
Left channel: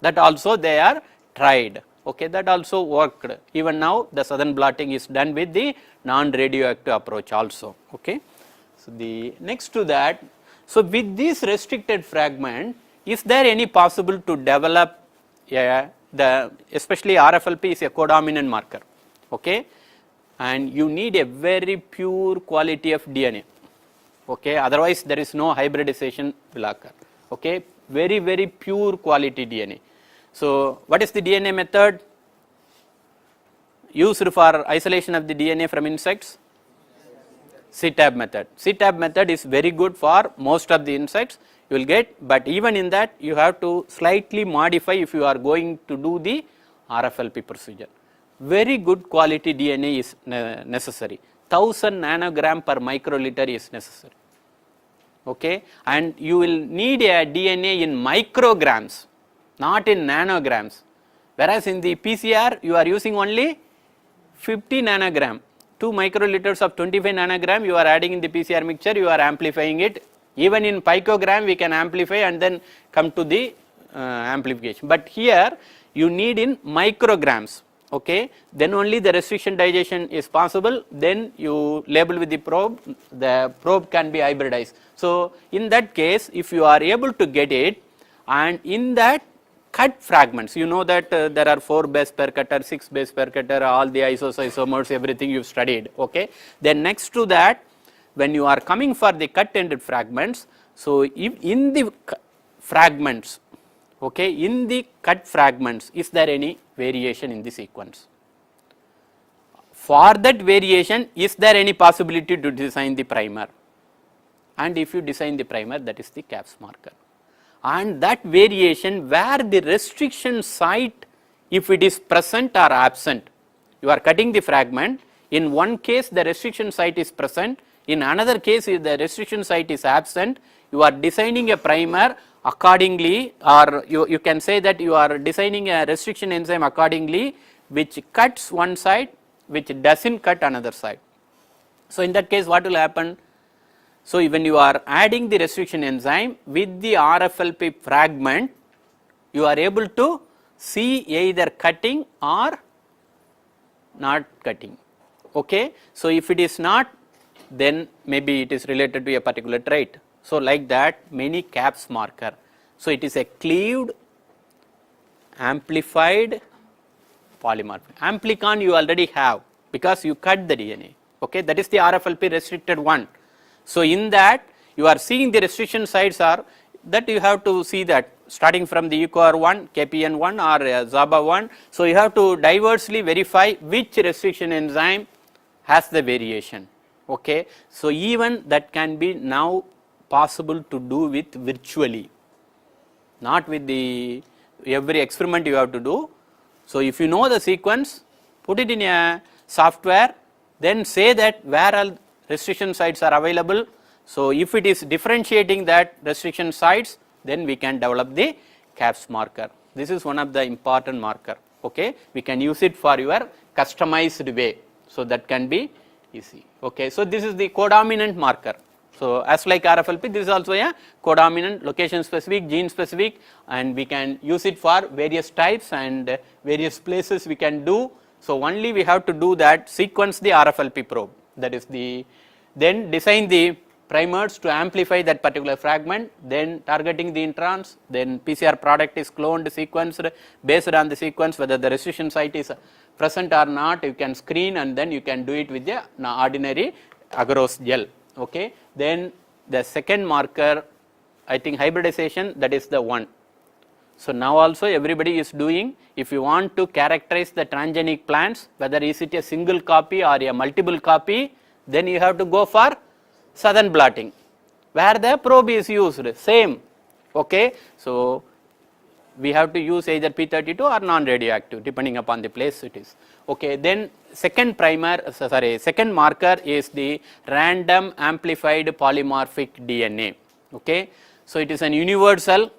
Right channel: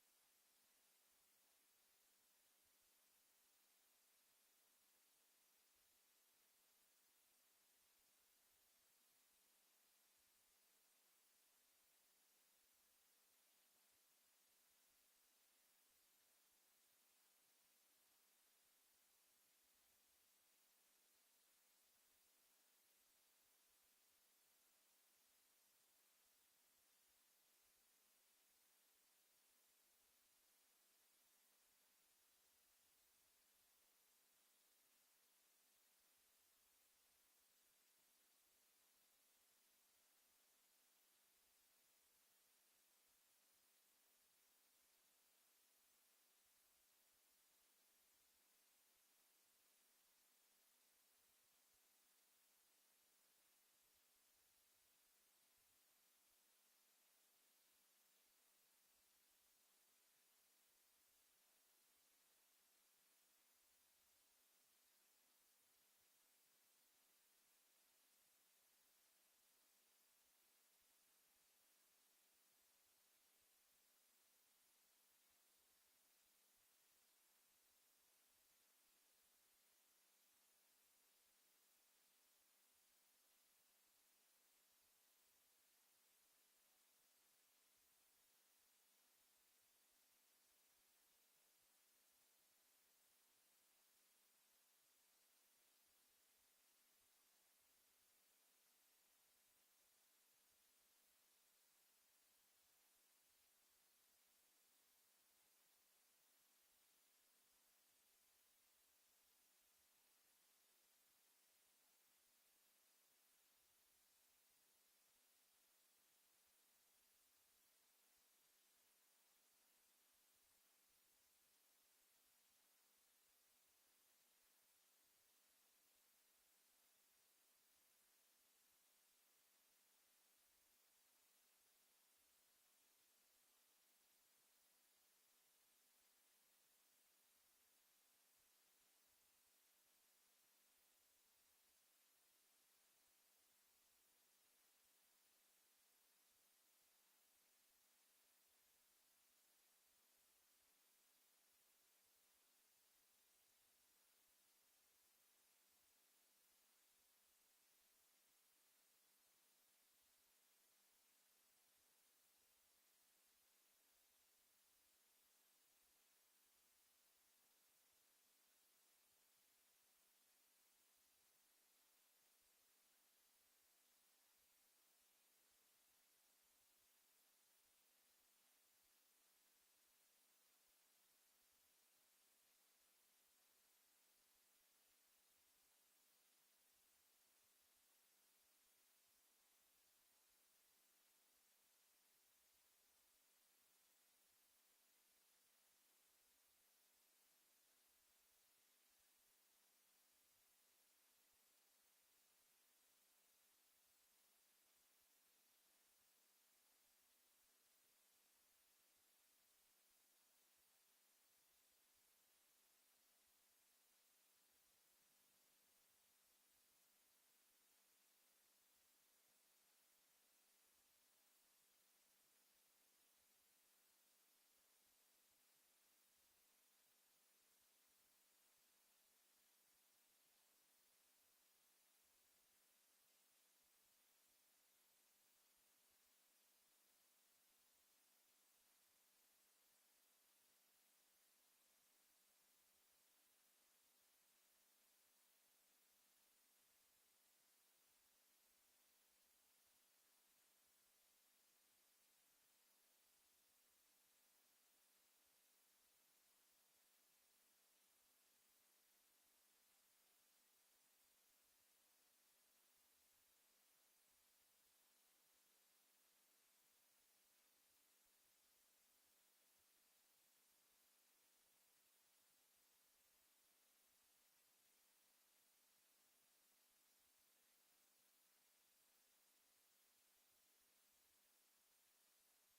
that also they are tried. Okay, that also worked. Even now the southern blotting is done with the non-radioactive approach also. Okay. So the next to that, so with this restricted fragment, is there any possible to develop especially RFLP is a codominant marker. Okay, and you need a very pure quality of DNA. Okay, otherwise there is no hybridization will occur. Okay, very pure quality DNA. So, what is the DNA method used for isolation of the DNA from insects? CTAB method. CTAB method is very good for most of the insects you will get, but even in that you have to slightly modify if you are going to do the RFLP procedure. Very good quality DNA is necessary. 1000 nanogram per microliter is necessary. Okay, and you will need a DNA in micrograms, not in nanograms. Whereas in the PCR you are using only 50 nanogram. 2 microliters of 25 nanogram you are adding in the PCR mixture, you are amplifying it. Even in picogram we can amplify and then come to the amplification. But here you need in micrograms. Okay, then only the restriction digestion is possible, then you label with the probe can be hybridized. So, in that case if you are able to get it, and in that cut fragments, you know that there are 4 base pair cutter, 6 base pair cutter, all the isomers, everything you have studied. Okay. Then next to that, when you are coming for the cut ended fragments, so if in the fragments, okay, in the cut fragments, is there any variation in the sequence? For that variation, is there any possibility to design the primer? And if you design the primer, that is the CAPS marker. And that variation where the restriction site, if it is present or absent, you are cutting the fragment, in one case the restriction site is present, in another case if the restriction site is absent, you are designing a primer accordingly, or you can say that you are designing a restriction enzyme accordingly which cuts one side, which does not cut another side. So, in that case what will happen? So, when you are adding the restriction enzyme with the RFLP fragment, you are able to see either cutting or not cutting. Okay. So, if it is not, then maybe it is related to a particular trait. So, like that many CAPS marker. So, it is a cleaved amplified polymorphic. Amplicon you already have because you cut the DNA. Okay. That is the RFLP restricted one. So, in that you are seeing the restriction sites are that you have to see that starting from the EcoR1, KPN1 or ZABA1. So, you have to diversely verify which restriction enzyme has the variation. Okay. So, even that can be now possible to do with virtually, not with the every experiment you have to do. So, if you know the sequence, put it in a software, then say that where all restriction sites are available. So, if it is differentiating that restriction sites, then we can develop the CAPS marker. This is one of the important marker. Okay. We can use it for your customized way. So, that can be easy. Okay. So, this is the codominant marker. So, as like RFLP, this is also a codominant, location specific, gene specific, and we can use it for various types and various places we can do. So, only we have to do that, sequence the RFLP probe, that is the, then design the primers to amplify that particular fragment, then targeting the introns, then PCR product is cloned, sequenced, based on the sequence whether the restriction site is present or not, you can screen and then you can do it with the ordinary agarose gel. Okay. Then the second marker, I think hybridization, that is the one. So, now also everybody is doing, if you want to characterize the transgenic plants, whether is it a single copy or a multiple copy, then you have to go for southern blotting, where the probe is used, same. Okay. So, we have to use either P32 or non-radioactive depending upon the place it is. Okay. Then second second marker is the random amplified polymorphic DNA. Okay. So, it is an universal,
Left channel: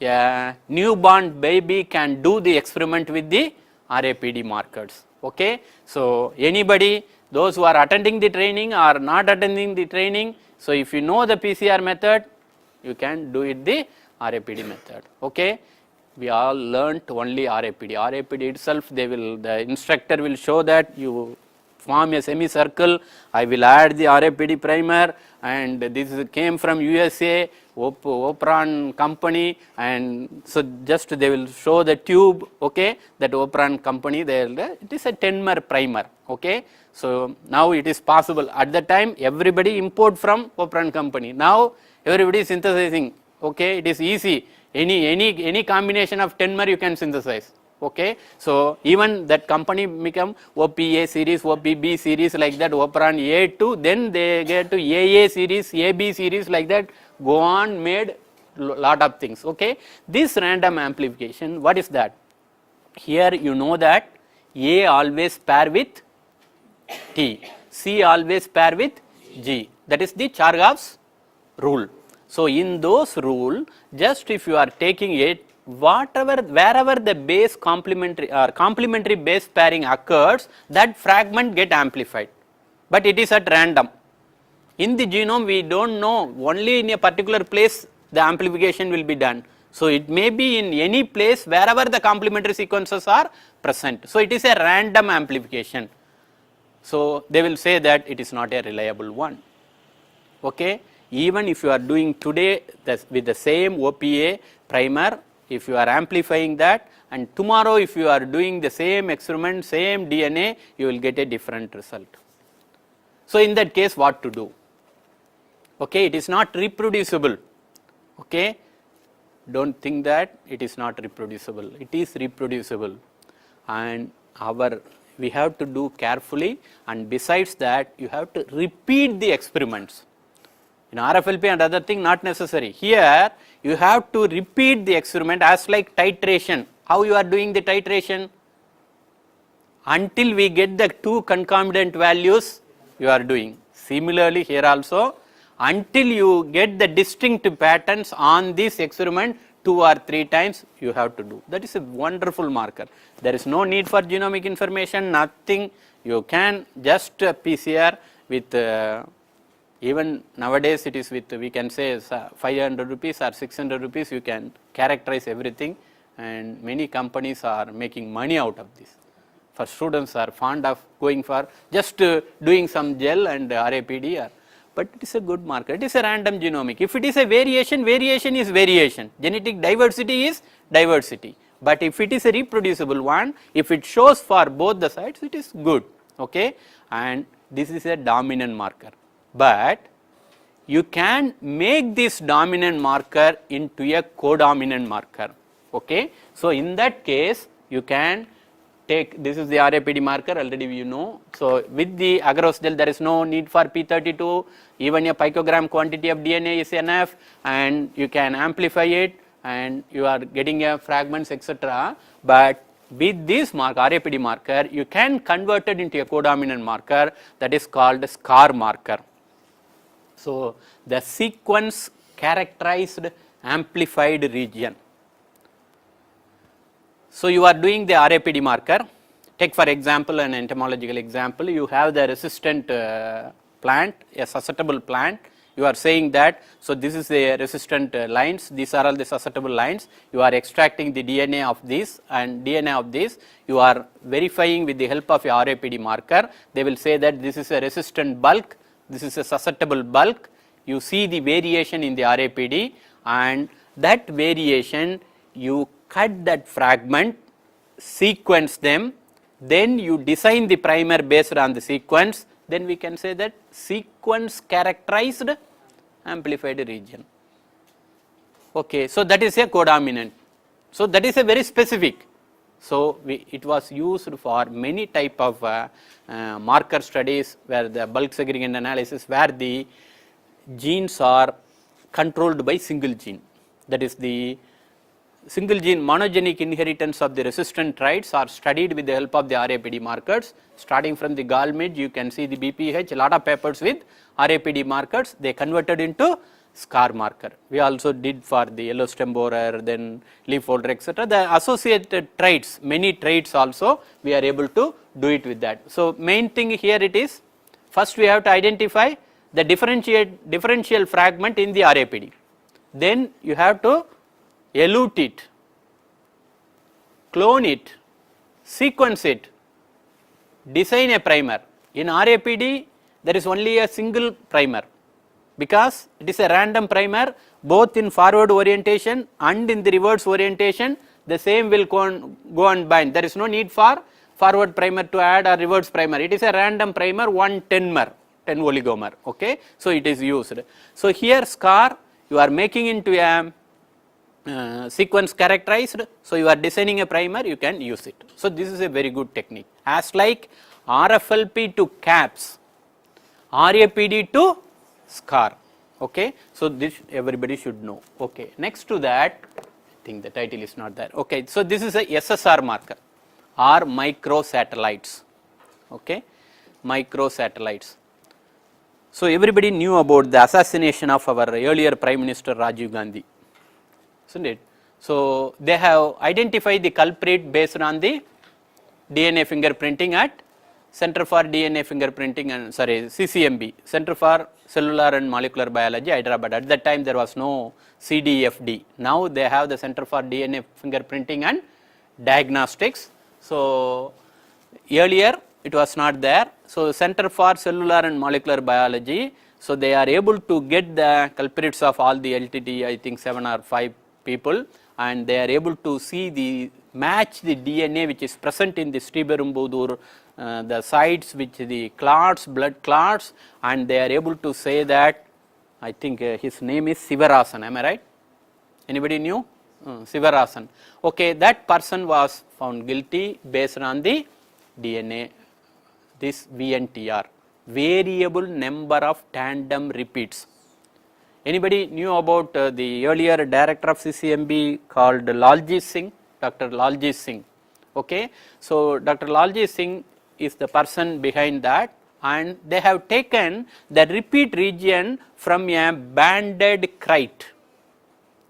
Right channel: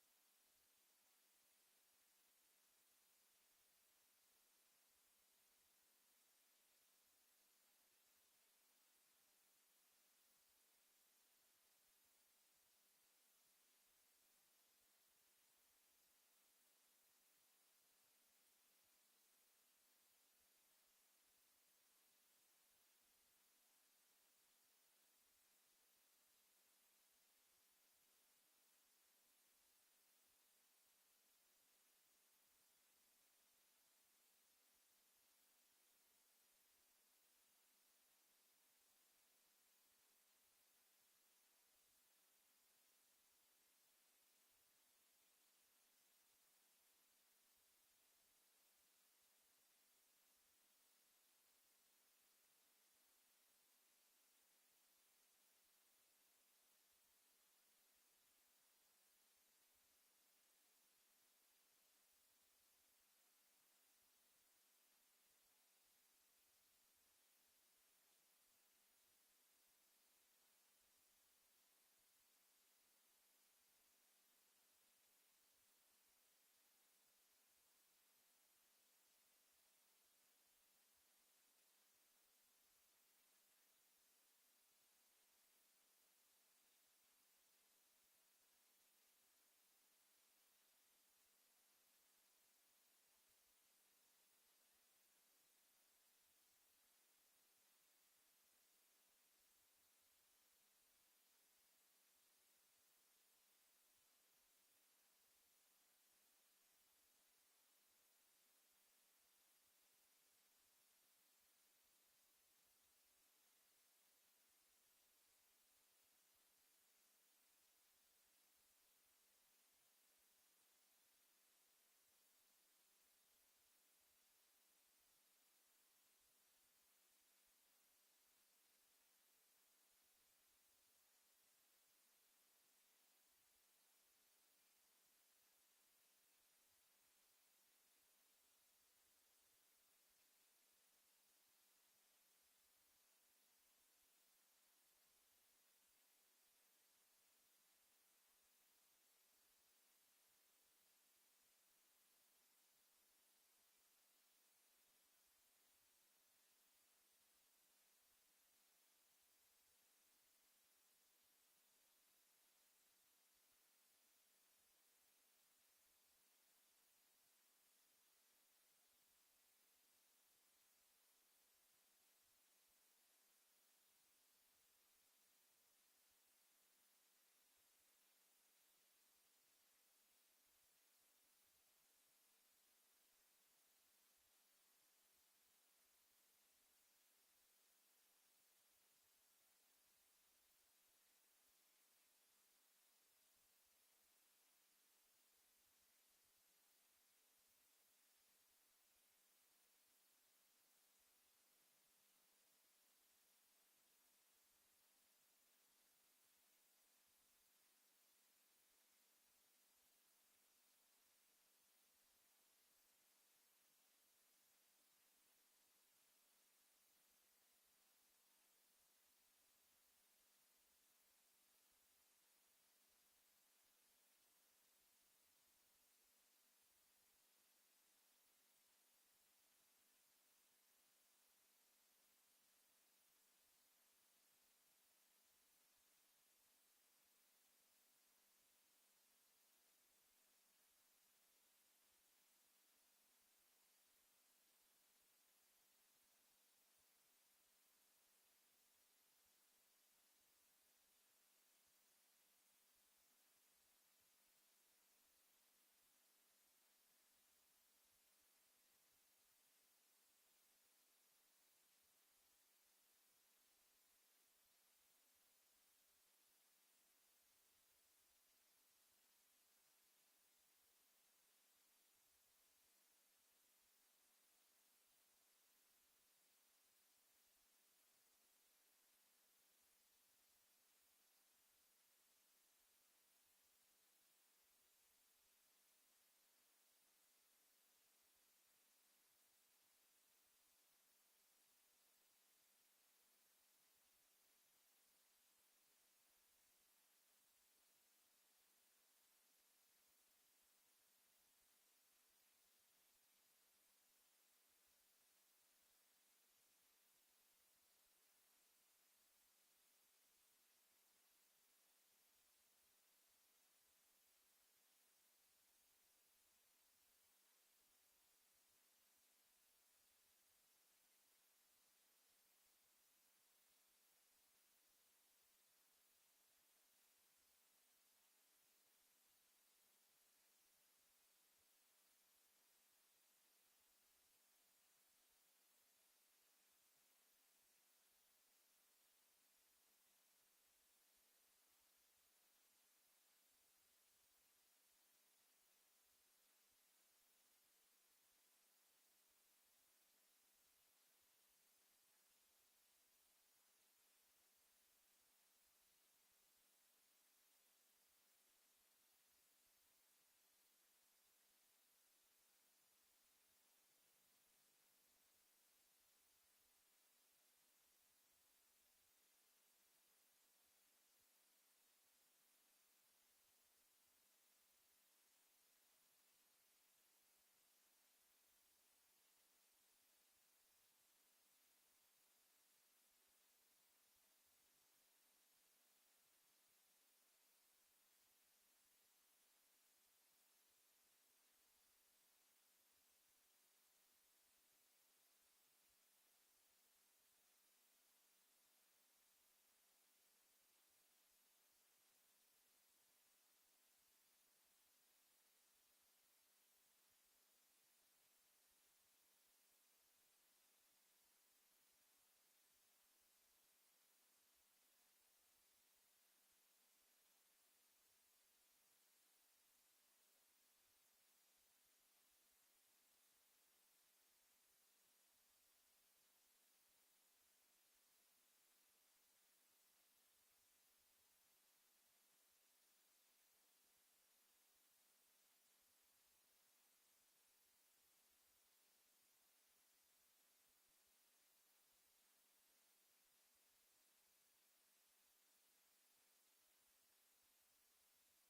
a newborn baby can do the experiment with the RAPD markers. Okay. So, anybody, those who are attending the training or not attending the training, so if you know the PCR method, you can do it the RAPD method. Okay. We all learnt only RAPD. RAPD itself, the instructor will show that you form a semicircle, I will add the RAPD primer, and this came from USA, Opron company, and so just they will show the tube, okay, that Opron company, it is a 10-mer primer. Okay. So, now it is possible, at the time everybody import from Opron company, now everybody is synthesizing. Okay. It is easy, any combination of 10 mer you can synthesize. Okay, so even that company become OPA series, OPB series, like that, Opron A2, then they get to AA series, AB series, like that, go on, made lot of things. Okay, this random amplification, what is that? Here you know that A always pair with T, C always pair with G, that is the Chargaff's rule. So in those rule, just if you are taking it, wherever the base complementary base pairing occurs, that fragment get amplified, but it is at random. In the genome we don't know, only in a particular place the amplification will be done. So it may be in any place wherever the complementary sequences are present. So it is a random amplification. So they will say that it is not a reliable one. Okay, even if you are doing today with the same OPA primer, if you are amplifying that, and tomorrow if you are doing the same experiment, same DNA, you will get a different result. So in that case, what to do? Okay, it is not reproducible. Okay, don't think that it is not reproducible. It is reproducible, and we have to do carefully, and besides that you have to repeat the experiments. In RFLP and other thing not necessary. Here you have to repeat the experiment as like titration. How you are doing the titration? Until we get the two concomitant values you are doing. Similarly here also, until you get the distinct patterns on this experiment 2 or 3 times you have to do. That is a wonderful marker. There is no need for genomic information, nothing. You can just PCR with even nowadays it is with, we can say 500 rupees or 600 rupees you can characterize everything, and many companies are making money out of this. For students are fond of going for just doing some gel and RAPD, but it is a good marker. It is a random genomic. If it is a variation, variation is variation. Genetic diversity is diversity. But if it is a reproducible one, if it shows for both the sides, it is good. Okay, and this is a dominant marker. But you can make this dominant marker into a codominant marker. Okay, so in that case you can take, this is the RAPD marker, already you know. So with the agarose gel there is no need for P32, even a picogram quantity of DNA is enough, and you can amplify it and you are getting a fragments, etc. But with this marker, RAPD marker, you can convert it into a codominant marker, that is called SCAR marker. So the sequence characterized amplified region. So you are doing the RAPD marker. Take for example an entomological example. You have the resistant plant, a susceptible plant. You are saying that, so this is the resistant lines, these are all the susceptible lines. You are extracting the DNA of this and DNA of this. You are verifying with the help of a RAPD marker. They will say that this is a resistant bulk, this is a susceptible bulk. You see the variation in the RAPD, and that variation you cut that fragment, sequence them, then you design the primer based on the sequence, then we can say that sequence characterized amplified region. Okay, so that is a codominant. So that is a very specific. So it was used for many type of marker studies where the bulk segregation analysis, where the genes are controlled by single gene. That is the single gene monogenic inheritance of the resistant traits are studied with the help of the RAPD markers. Starting from the Gallmage, you can see the BPH, a lot of papers with RAPD markers, they converted into SCAR marker. We also did for the yellow stem borer, then leaf folder, etc. The associated traits, many traits also, we are able to do it with that. So main thing here it is, first we have to identify the differential fragment in the RAPD. Then you have to elute it, clone it, sequence it, design a primer. In RAPD, there is only a single primer, because it is a random primer, both in forward orientation and in the reverse orientation, the same will go and bind. There is no need for forward primer to add or reverse primer. It is a random primer, 110 oligomer. Okay, so it is used. So here SCAR you are making into a sequence characterized. So, you are designing a primer, you can use it. So, this is a very good technique, as like RFLP to CAPS, RAPD to SCAR. Okay. So, this everybody should know. Okay. Next to that, I think the title is not there. Okay. So, this is a SSR marker or microsatellites. Okay. Microsatellites. So, everybody knew about the assassination of our earlier Prime Minister Rajiv Gandhi, isn't it? So, they have identified the culprit based on the DNA fingerprinting at Center for DNA Fingerprinting and CCMB, Center for Cellular and Molecular Biology, Hyderabad. At that time there was no CDFD. Now they have the Center for DNA Fingerprinting and Diagnostics. So, earlier it was not there. So, Center for Cellular and Molecular Biology, so they are able to get the culprits of all the LTT, I think 7 or 5 people, and they are able to see the match the DNA which is present in the Sriperumbudur, the sites which the clots, blood clots, and they are able to say that, I think his name is Sivarasan, am I right? Anybody knew? Sivarasan. Okay, that person was found guilty based on the DNA, this VNTR, variable number of tandem repeats. Anybody knew about the earlier director of CCMB called Laljit Singh, Dr. Laljit Singh. Okay. So, Dr. Laljit Singh is the person behind that, and they have taken the repeat region from a banded kite,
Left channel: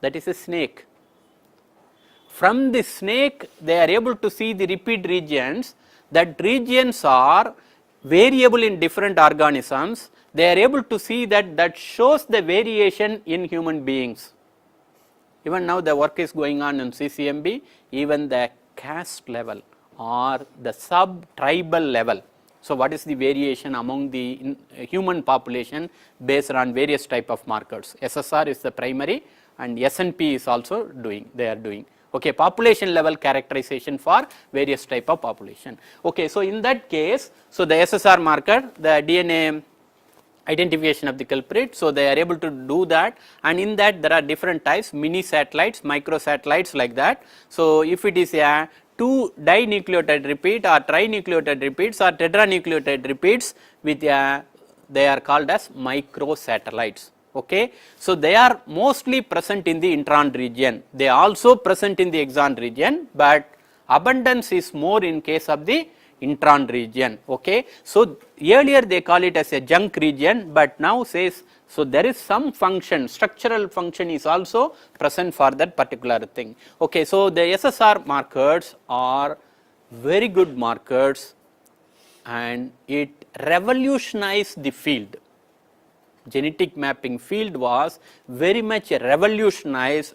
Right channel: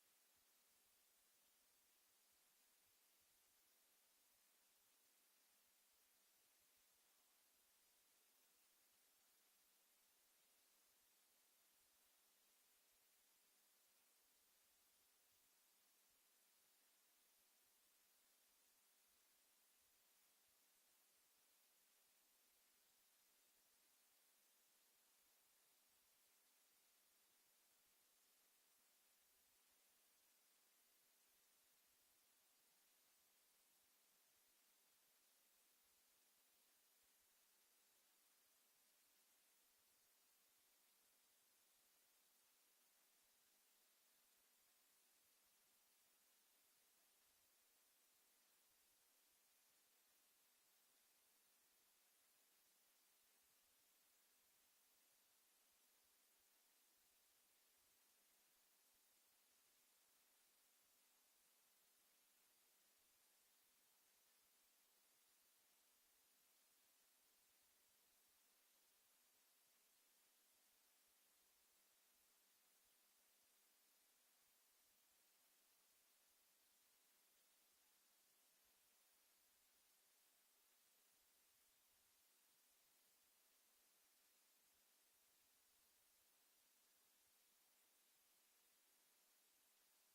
that is a snake. From the snake they are able to see the repeat regions, that regions are variable in different organisms. They are able to see that shows the variation in human beings. Even now the work is going on in CCMB, even the caste level or the sub-tribal level. So, what is the variation among the human population based on various type of markers? SSR is the primary and SNP is also doing, they are doing. Okay, population level characterization for various type of population. Okay, so in that case, so the SSR marker, the DNA identification of the culprit, so they are able to do that, and in that there are different types, mini satellites, micro satellites, like that. So, if it is a 2 dinucleotide repeat or trinucleotide repeats or tetranucleotide repeats with they are called as micro satellites. Okay. So, they are mostly present in the intron region, they are also present in the exon region, but abundance is more in case of the intron region. Okay. So, earlier they call it as a junk region, but now says, so there is some function, structural function is also present for that particular thing. Okay. So, the SSR markers are very good markers and it revolutionized the field. Genetic mapping field was very much revolutionized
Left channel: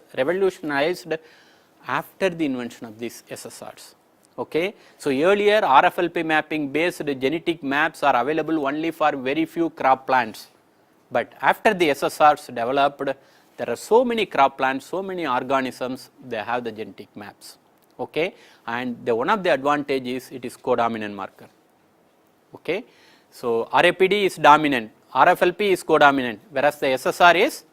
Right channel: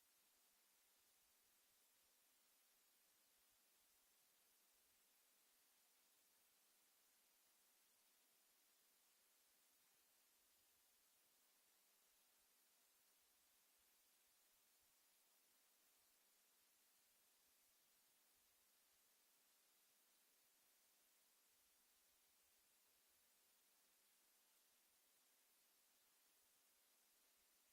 after the invention of these SSRs. Okay. So, earlier RFLP mapping based genetic maps are available only for very few crop plants, but after the SSRs developed, there are so many crop plants, so many organisms, they have the genetic maps. Okay. And one of the advantages, it is codominant marker. Okay. So, RAPD is dominant, RFLP is codominant, whereas the SSR is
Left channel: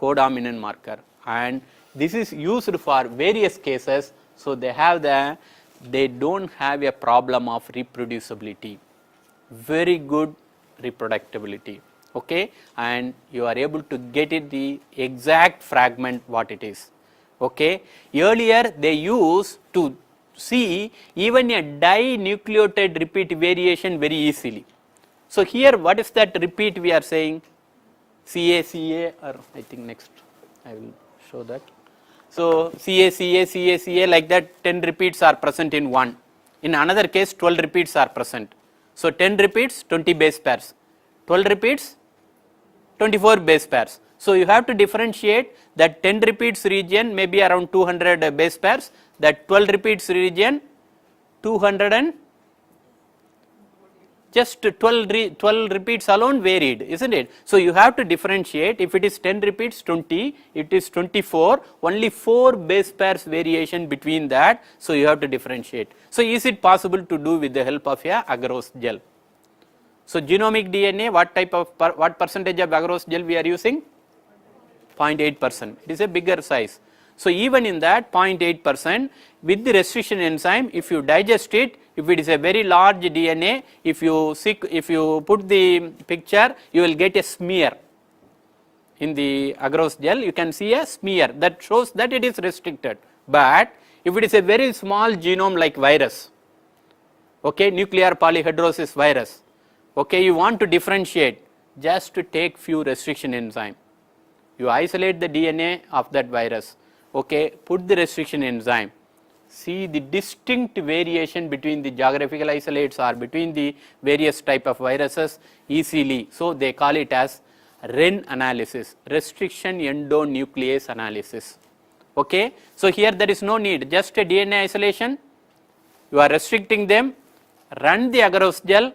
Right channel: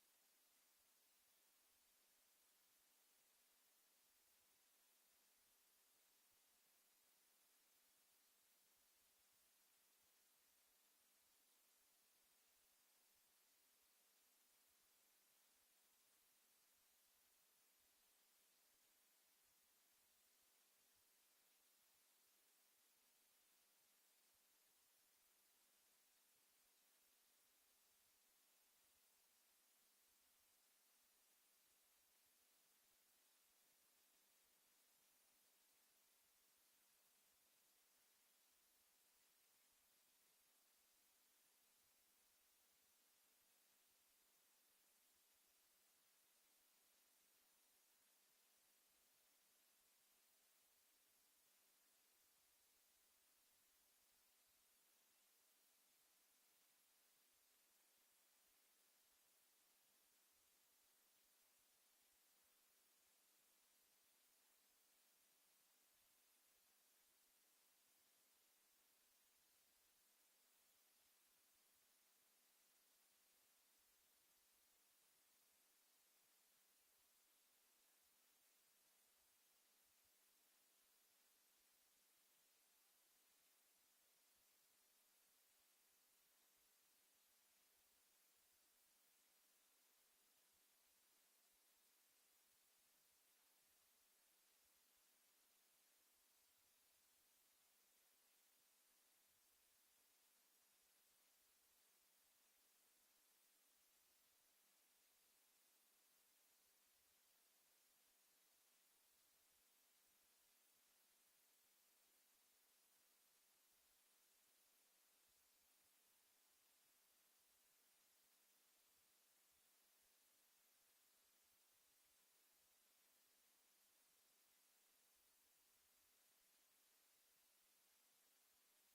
codominant marker, and this is used for various cases. So, they do not have a problem of reproducibility, very good reproducibility. Okay. And you are able to get it the exact fragment what it is. Okay. Earlier they used to see even a dinucleotide repeat variation very easily. So, here what is that repeat we are saying? CA, or I think next I will show that. So, CA like that 10 repeats are present in one, in another case 12 repeats are present. So, 10 repeats 20 base pairs, 12 repeats 24 base pairs. So, you have to differentiate that 10 repeats region may be around 200 base pairs, that 12 repeats region 200 and just 12 repeats alone varied, isn't it? So, you have to differentiate, if it is 10 repeats 20, it is 24, only 4 base pairs variation between that. So, you have to differentiate. So, is it possible to do with the help of a agarose gel? So, genomic DNA, what percentage of agarose gel we are using? 0.8%, it is a bigger size. So, even in that 0.8% with the restriction enzyme, if you digest it, if it is a very large DNA, if you put the picture, you will get a smear. In the agarose gel, you can see a smear that shows that it is restricted. But if it is a very small genome like virus, okay, nuclear polyhedrosis virus, okay, you want to differentiate, just to take few restriction enzyme. You isolate the DNA of that virus, okay, put the restriction enzyme, see the distinct variation between the geographical isolates or between the various type of viruses easily. So, they call it as REN analysis, restriction endonuclease analysis. Okay. So, here there is no need, just a DNA isolation, you are restricting them, run the agarose gel,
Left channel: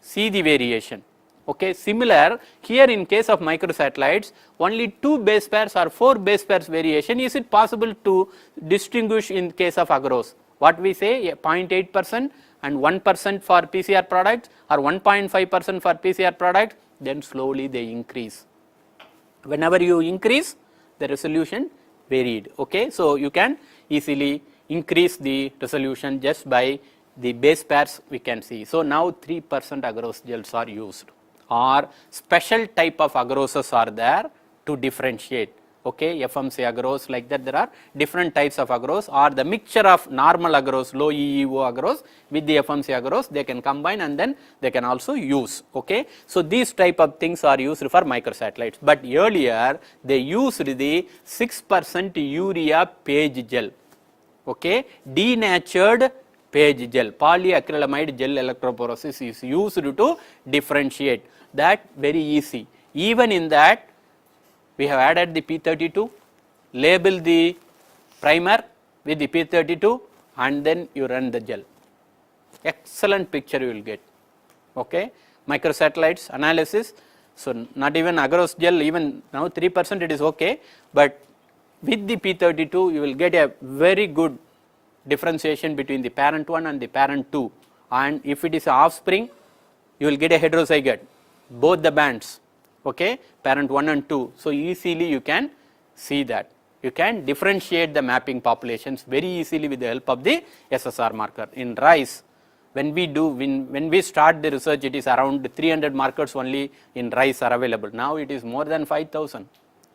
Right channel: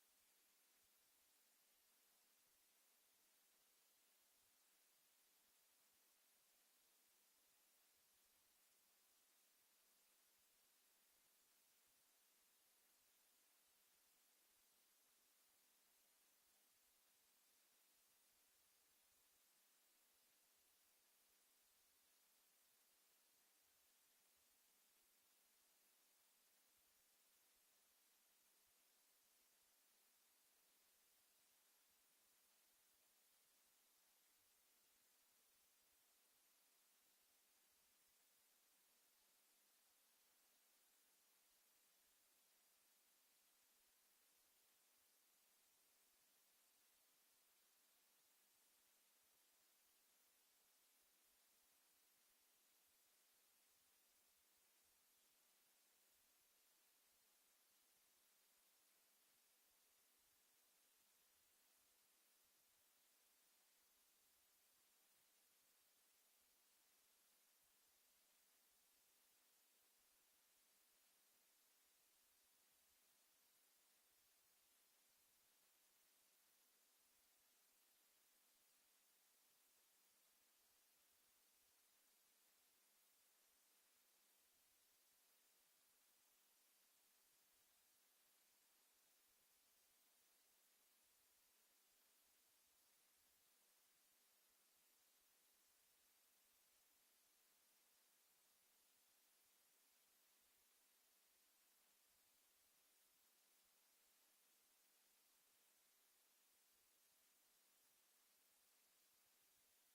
see the variation. Okay. Similar here in case of microsatellites, only 2 base pairs or 4 base pairs variation, is it possible to distinguish in case of agarose? What we say, 0.8% and 1% for PCR products or 1.5% for PCR products, then slowly they increase. Whenever you increase, the resolution varied. Okay. So, you can easily increase the resolution just by the base pairs we can see. So, now 3% agarose gels are used, or special type of agaroses are there to differentiate. Okay, FMC agarose, like that there are different types of agarose, or the mixture of normal agarose, low EEO agarose with the FMC agarose, they can combine and then they can also use. Okay. So, these type of things are used for microsatellites, but earlier they used the 6% urea page gel, okay, denatured page gel, polyacrylamide gel electrophoresis is used to differentiate. That very easy. Even in that, we have added the P32, label the primer with the P32 and then you run the gel. Excellent picture you will get. Okay. Microsatellites analysis. So, not even agarose gel, even now 3% it is okay, but with the P32 you will get a very good differentiation between the parent 1 and the parent 2, and if it is offspring, you will get a heterozygote, both the bands, okay, parent 1 and 2. So, easily you can see that. You can differentiate the mapping populations very easily with the help of the SSR marker. In rice, when we start the research, it is around 300 markers only in rice are available. Now it is more than 5,000.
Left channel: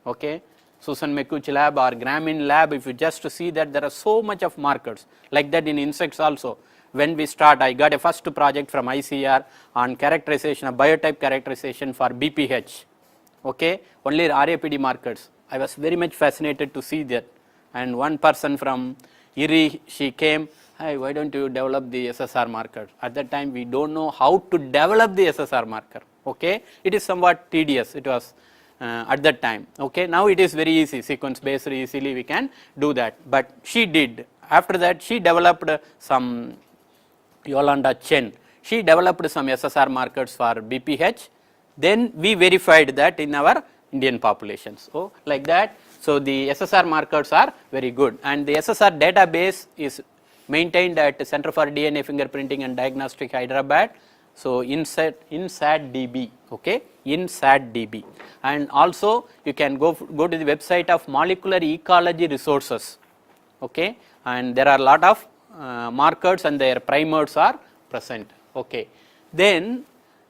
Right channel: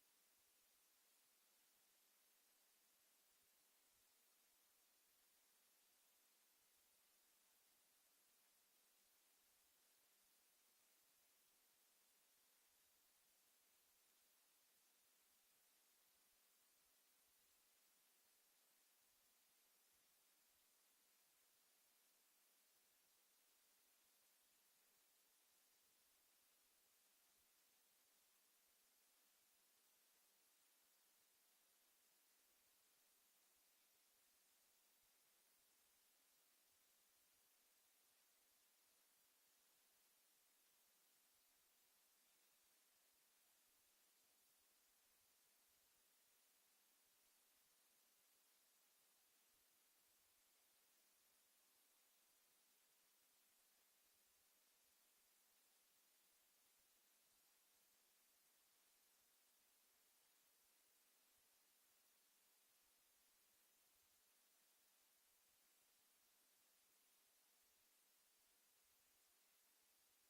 Okay. Susan McCouch lab or Grameen lab, if you just see that there are so much of markers, like that in insects also. When we start, I got a first project from ICR on characterization of biotype characterization for BPH, okay, only RAPD markers. I was very much fascinated to see that, and one person from IRI, she came, hey, why don't you develop the SSR marker? At that time we don't know how to develop the SSR marker, okay, it is somewhat tedious, it was at that time. Okay. Now it is very easy, sequence based, easily we can do that, but she did. After that she developed some, Yolanda Chen, she developed some SSR markers for BPH, then we verified that in our Indian populations. So, like that. So, the SSR markers are very good, and the SSR database is maintained at Center for DNA Fingerprinting and Diagnostic, Hyderabad. So, in SAT-DB, okay, in SAT-DB, and also you can go to the website of Molecular Ecology Resources, okay, and there are a lot of markers and their primers are present. Okay. Then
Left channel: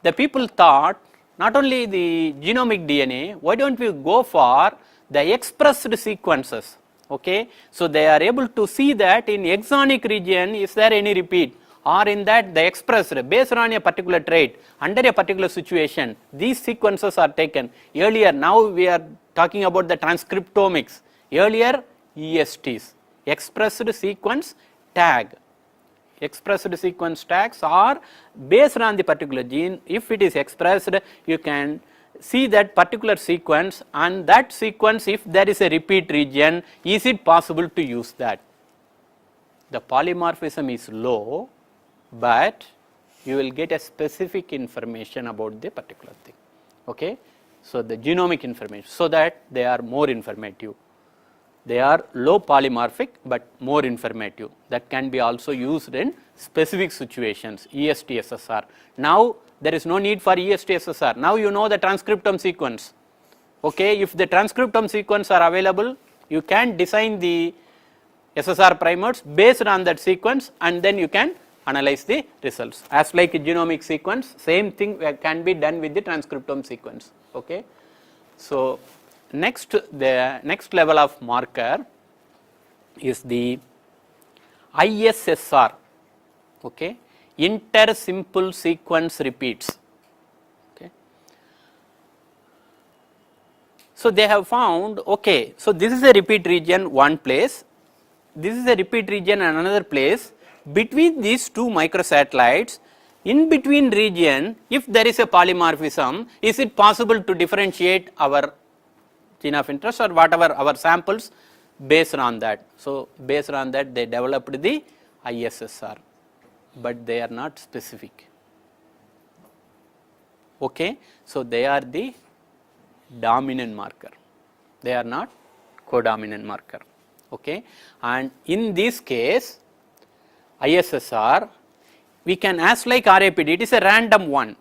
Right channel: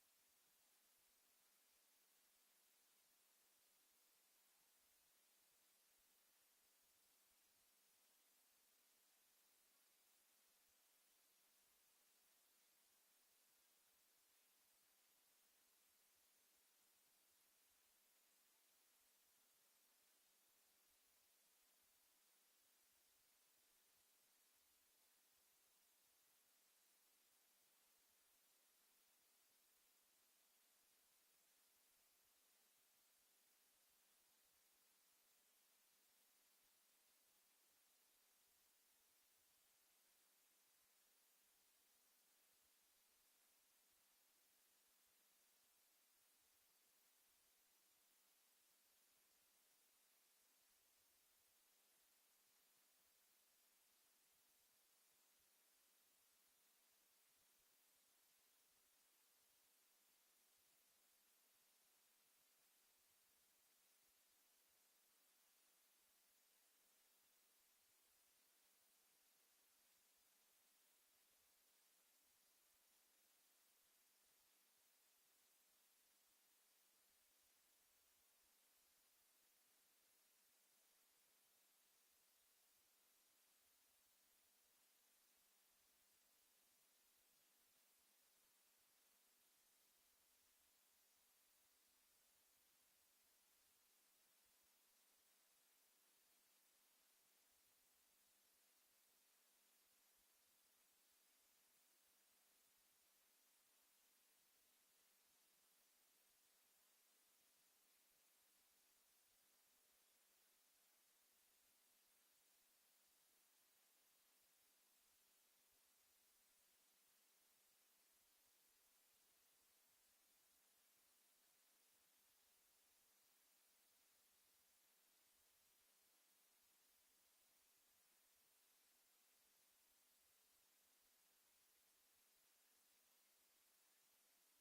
the people thought, not only the genomic DNA, why don't we go for the expressed sequences, okay. So, they are able to see that in exonic region is there any repeat, or in that the expressed based on a particular trait under a particular situation, these sequences are taken. Earlier, now we are talking about the transcriptomics, earlier ESTs, expressed sequence tag. Expressed sequence tags are based on the particular gene. If it is expressed, you can see that particular sequence, and that sequence, if there is a repeat region, is it possible to use that? The polymorphism is low, but you will get a specific information about the particular thing. Okay. So, the genomic information, so that they are more informative. They are low polymorphic, but more informative. That can be also used in specific situations, EST-SSR. Now, there is no need for EST-SSR. Now, you know the transcriptome sequence. Okay. If the transcriptome sequence are available, you can design the SSR primers based on that sequence, and then you can analyze the results. As like a genomic sequence, same thing can be done with the transcriptome sequence. Okay. So the next level of marker is the ISSR, okay, inter-simple sequence repeats. Okay. So they have found, okay, so this is a repeat region one place, this is a repeat region another place. Between these two microsatellites, in between region, if there is a polymorphism, is it possible to differentiate our gene of interest or whatever our samples based on that. So based on that they developed the ISSR, but they are not specific. Okay. So they are the dominant marker, they are not codominant marker. Okay. And in this case ISSR, we can ask like RAPD, it is a random one.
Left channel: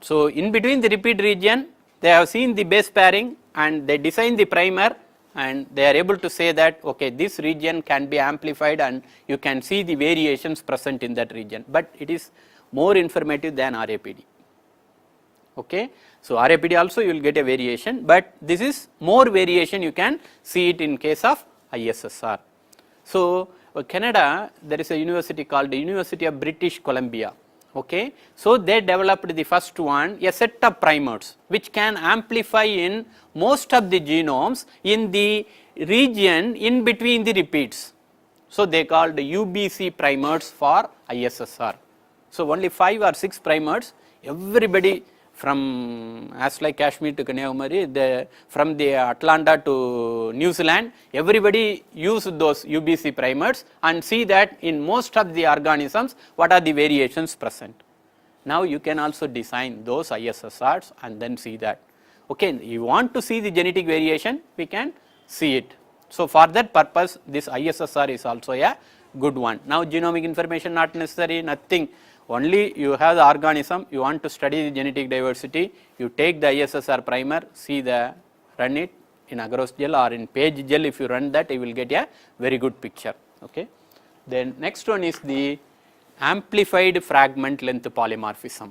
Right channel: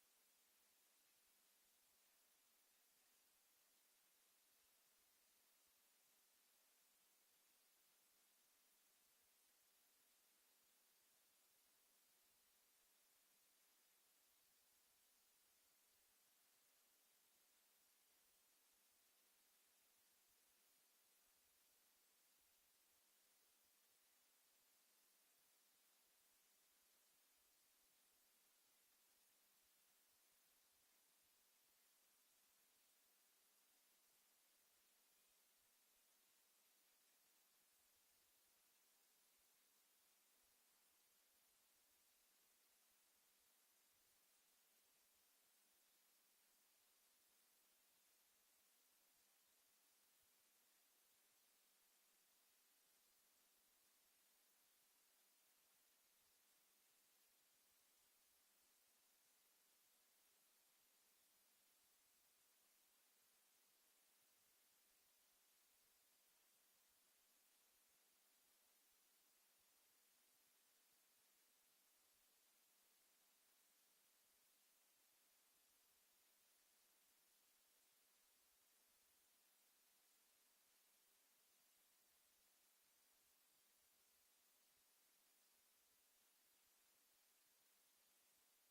So in between the repeat region they have seen the base pairing and they design the primer, and they are able to say that okay, this region can be amplified and you can see the variations present in that region, but it is more informative than RAPD. Okay. So RAPD also you will get a variation, but this is more variation, you can see it in case of ISSR. So Canada, there is a university called the University of British Columbia. Okay. So they developed the first one, a set of primers which can amplify in most of the genomes in the region in between the repeats. So they called UBC primers for ISSR. So only 5 or 6 primers, everybody from as like Kashmir to Kanyakumari, from the Atlanta to New Zealand, everybody use those UBC primers and see that in most of the organisms what are the variations present. Now you can also design those ISSRs and then see that. Okay, you want to see the genetic variation, we can see it. So for that purpose this ISSR is also a good one. Now genomic information not necessary, nothing. Only you have the organism, you want to study the genetic diversity, you take the ISSR primer, see run it in agarose gel or in page gel. If you run that, you will get a very good picture. Okay. Then next one is the amplified fragment length polymorphism,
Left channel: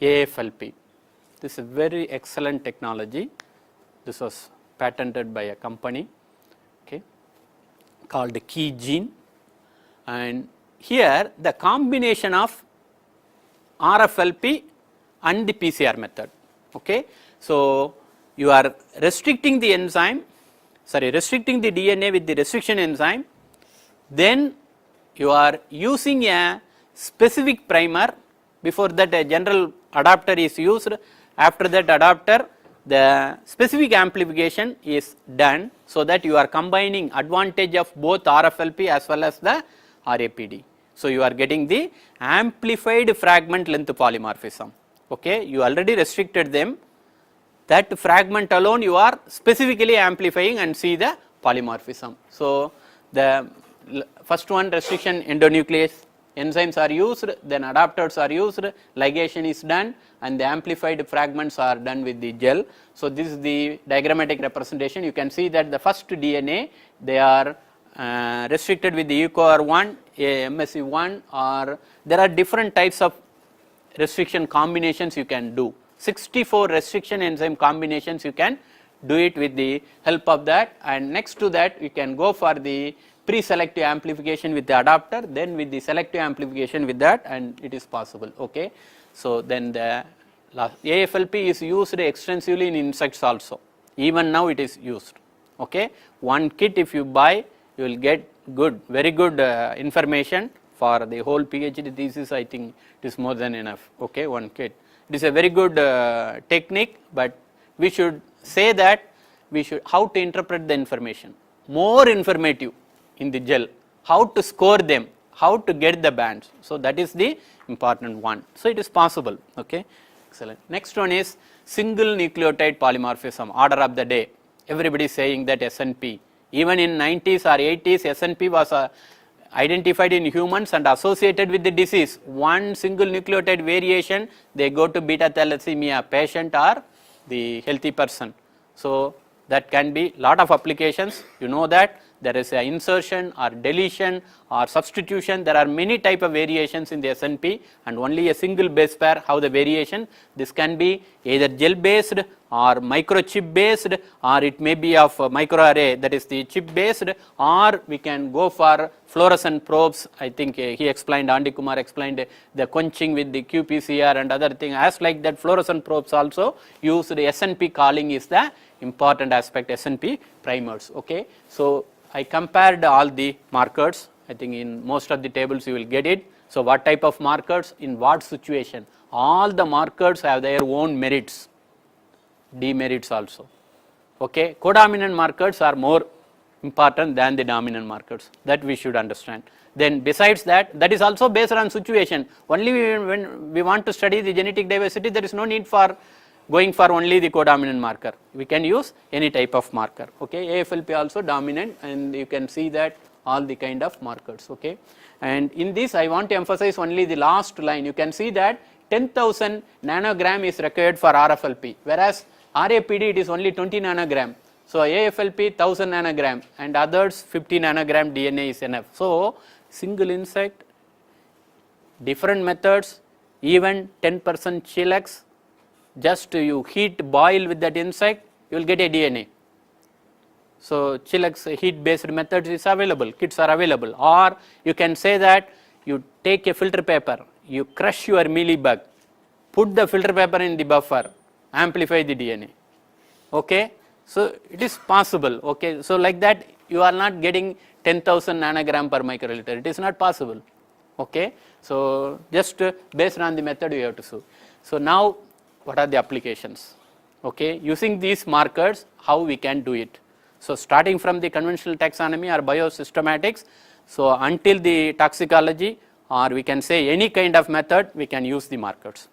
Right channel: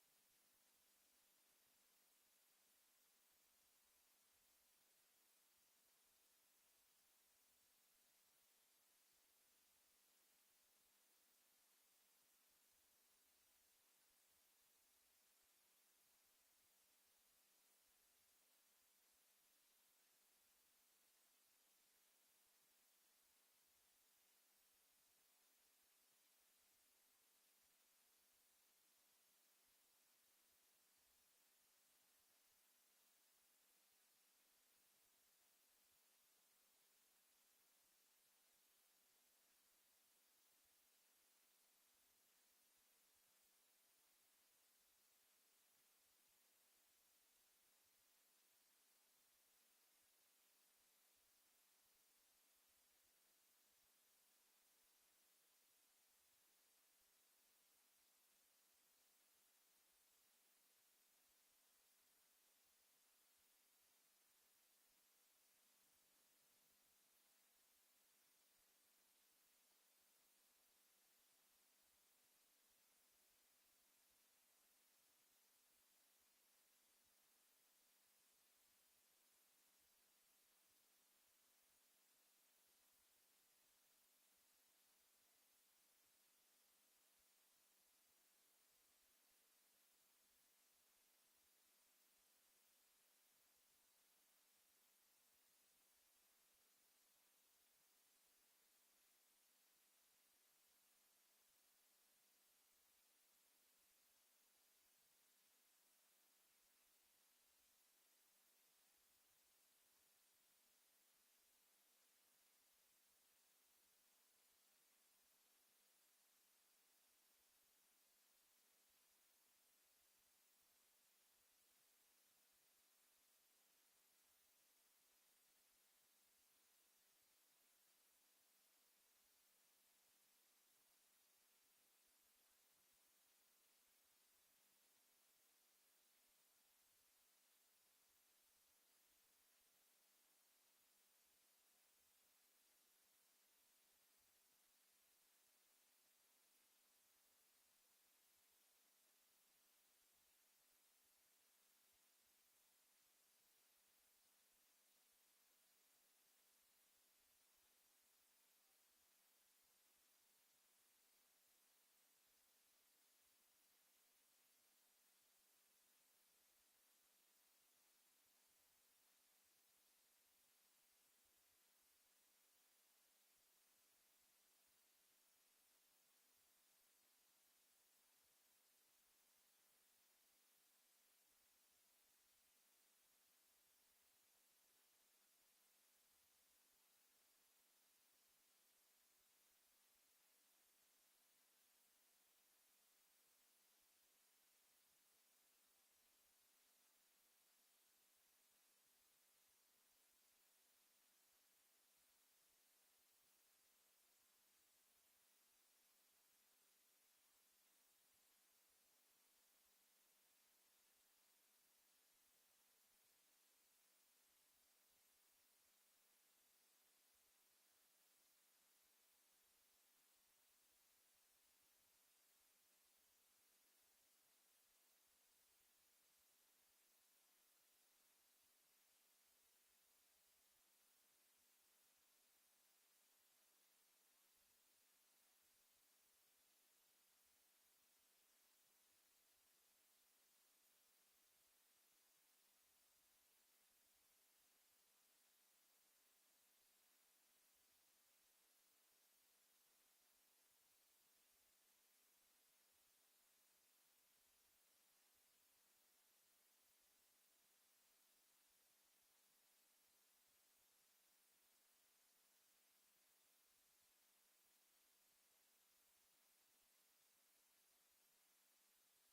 AFLP. This is a very excellent technology. This was patented by a company, okay, called KeyGene, and here the combination of RFLP and the PCR method. Okay. So you are restricting the enzyme, restricting the DNA with the restriction enzyme, then you are using a specific primer. Before that a general adapter is used, after that adapter the specific amplification is done, so that you are combining advantage of both RFLP as well as the RAPD. So you are getting the amplified fragment length polymorphism. Okay, you already restricted them, that fragment alone you are specifically amplifying and see the polymorphism. So the first one, restriction endonuclease, enzymes are used, then adapters are used, ligation is done, and the amplified fragments are done with the gel. So this is the diagrammatic representation. You can see that the first DNA, they are restricted with the EcoR1, MSC1, or there are different types of restriction combinations you can do. 64 restriction enzyme combinations you can do it with the help of that, and next to that you can go for the pre-selective amplification with the adapter, then with the selective amplification with that, and it is possible. Okay. So then the AFLP is used extensively in insects also, even now it is used. Okay. One kit if you buy, you will get good, very good information for the whole PhD thesis. I think it is more than enough. Okay, one kit. It is a very good technique, but we should say that we should how to interpret the information, more informative in the gel, how to score them, how to get the bands. So that is the important one. So it is possible. Okay, excellent. Next one is single nucleotide polymorphism, order of the day. Everybody is saying that SNP. Even in 90s or 80s, SNP was identified in humans and associated with the disease. One single nucleotide variation, they go to beta thalassemia patient or the healthy person. So that can be lot of applications. You know that there is a insertion or deletion or substitution. There are many type of variations in the SNP, and only a single base pair have the variation. This can be either gel based or microchip based, or it may be of microarray, that is the chip based, or we can go for fluorescent probes. I think he explained, Andy Kumar explained the quenching with the qPCR and other thing. As like that, fluorescent probes also use the SNP calling is the important aspect, SNP primers. Okay. So I compared all the markers. I think in most of the tables you will get it. So what type of markers in what situation? All the markers have their own merits, demerits also. Okay. Codominant markers are more important than the dominant markers, that we should understand. Then besides that, that is also based on situation. Only when we want to study the genetic diversity, there is no need for going for only the codominant marker. We can use any type of marker. Okay. AFLP also dominant, and you can see that all the kind of markers. Okay. And in this I want to emphasize only the last line. You can see that 10,000 nanogram is required for RFLP, whereas RAPD it is only 20 nanogram. So AFLP 1000 nanogram and others 50 nanogram DNA is enough. So single insect, different methods, even 10% chillax, just you heat boil with that insect, you will get a DNA. So chillax heat based methods is available, kits are available. Or you can say that you take a filter paper, you crush your mealybug, put the filter paper in the buffer, amplify the DNA. Okay. So it is possible. Okay. So like that you are not getting 10,000 nanogram per microliter, it is not possible. Okay. So just based on the method you have to show. So now what are the applications? Okay. Using these markers, how we can do it? So starting from the conventional taxonomy or biosystematics, so until the toxicology, or we can say any kind of method, we can use the markers.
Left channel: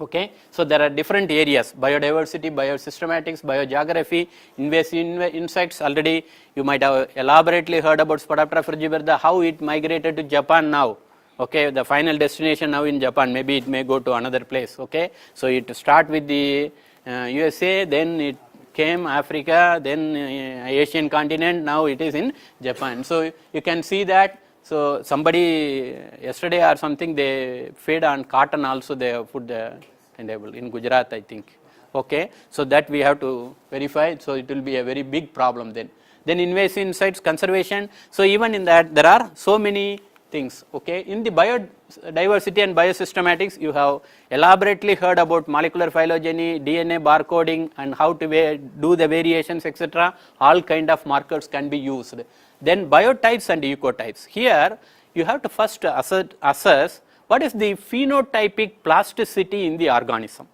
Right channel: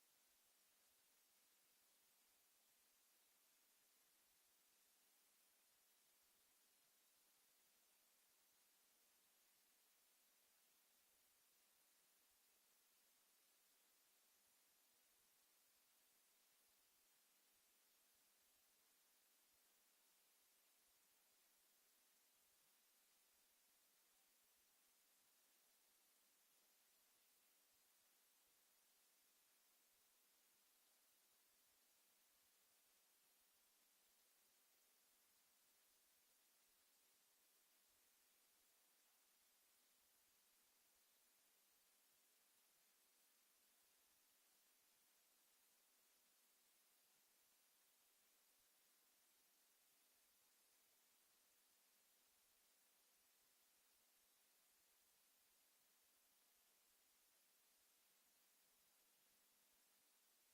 Okay. So there are different areas: biodiversity, biosystematics, biogeography, invasive insects. Already you might have elaborately heard about Spodoptera frugivida, how it migrated to Japan now. Okay, the final destination now in Japan, maybe it may go to another place. Okay. So it start with the USA, then it came Africa, then Asian continent, now it is in Japan. So you can see that. So somebody yesterday or something, they fed on cotton also, they have put the label in Gujarat, I think. Okay. So that we have to verify. So it will be a very big problem then. Then invasive insects conservation. So even in that there are so many things. Okay. In the biodiversity and biosystematics, you have elaborately heard about molecular phylogeny, DNA barcoding, and how to do the variations, etc. All kind of markers can be used. Then biotypes and ecotypes. Here you have to first assess what is the phenotypic plasticity in the organism.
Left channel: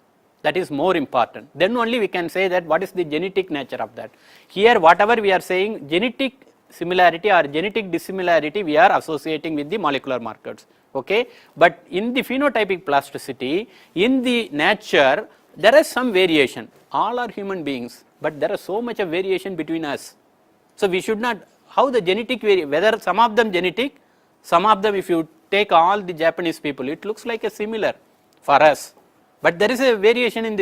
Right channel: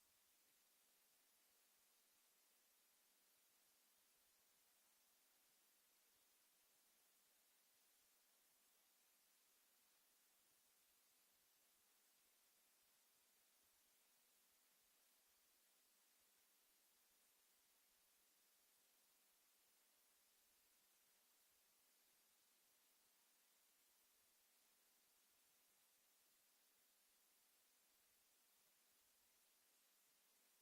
That is more important. Then only we can say that what is the genetic nature of that. Here whatever we are saying, genetic similarity or genetic dissimilarity, we are associating with the molecular markers. Okay. But in the phenotypic plasticity, in the nature, there is some variation. All are human beings, but there is so much of variation between us. So we should not, how the genetic whether some of them genetic, some of them, if you take all the Japanese people, it looks like a similar for us, but there is a variation in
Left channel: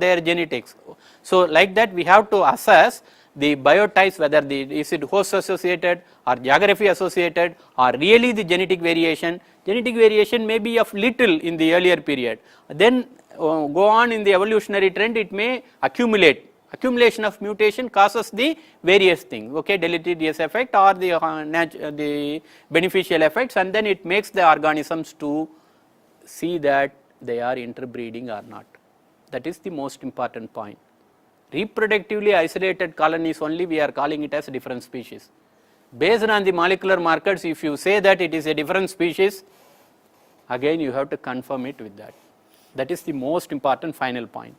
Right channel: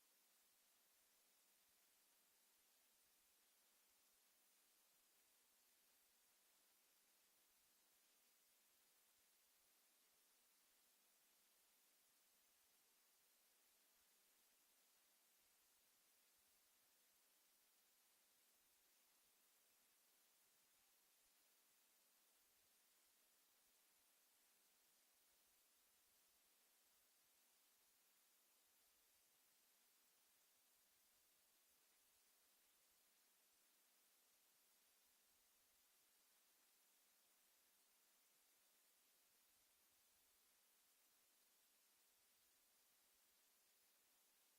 their genetics. So like that we have to assess the biotypes, whether is it host associated or geography associated or really the genetic variation. Genetic variation may be of little in the earlier period, then go on in the evolutionary trend, it may accumulate. Accumulation of mutation causes the various things, okay, deleterious effect or the beneficial effects, and then it makes the organisms to see that they are interbreeding or not. That is the most important point. Reproductively isolated colonies only, we are calling it as different species. Based on the molecular markers, if you say that it is a different species, again you have to confirm it with that. That is the most important final point.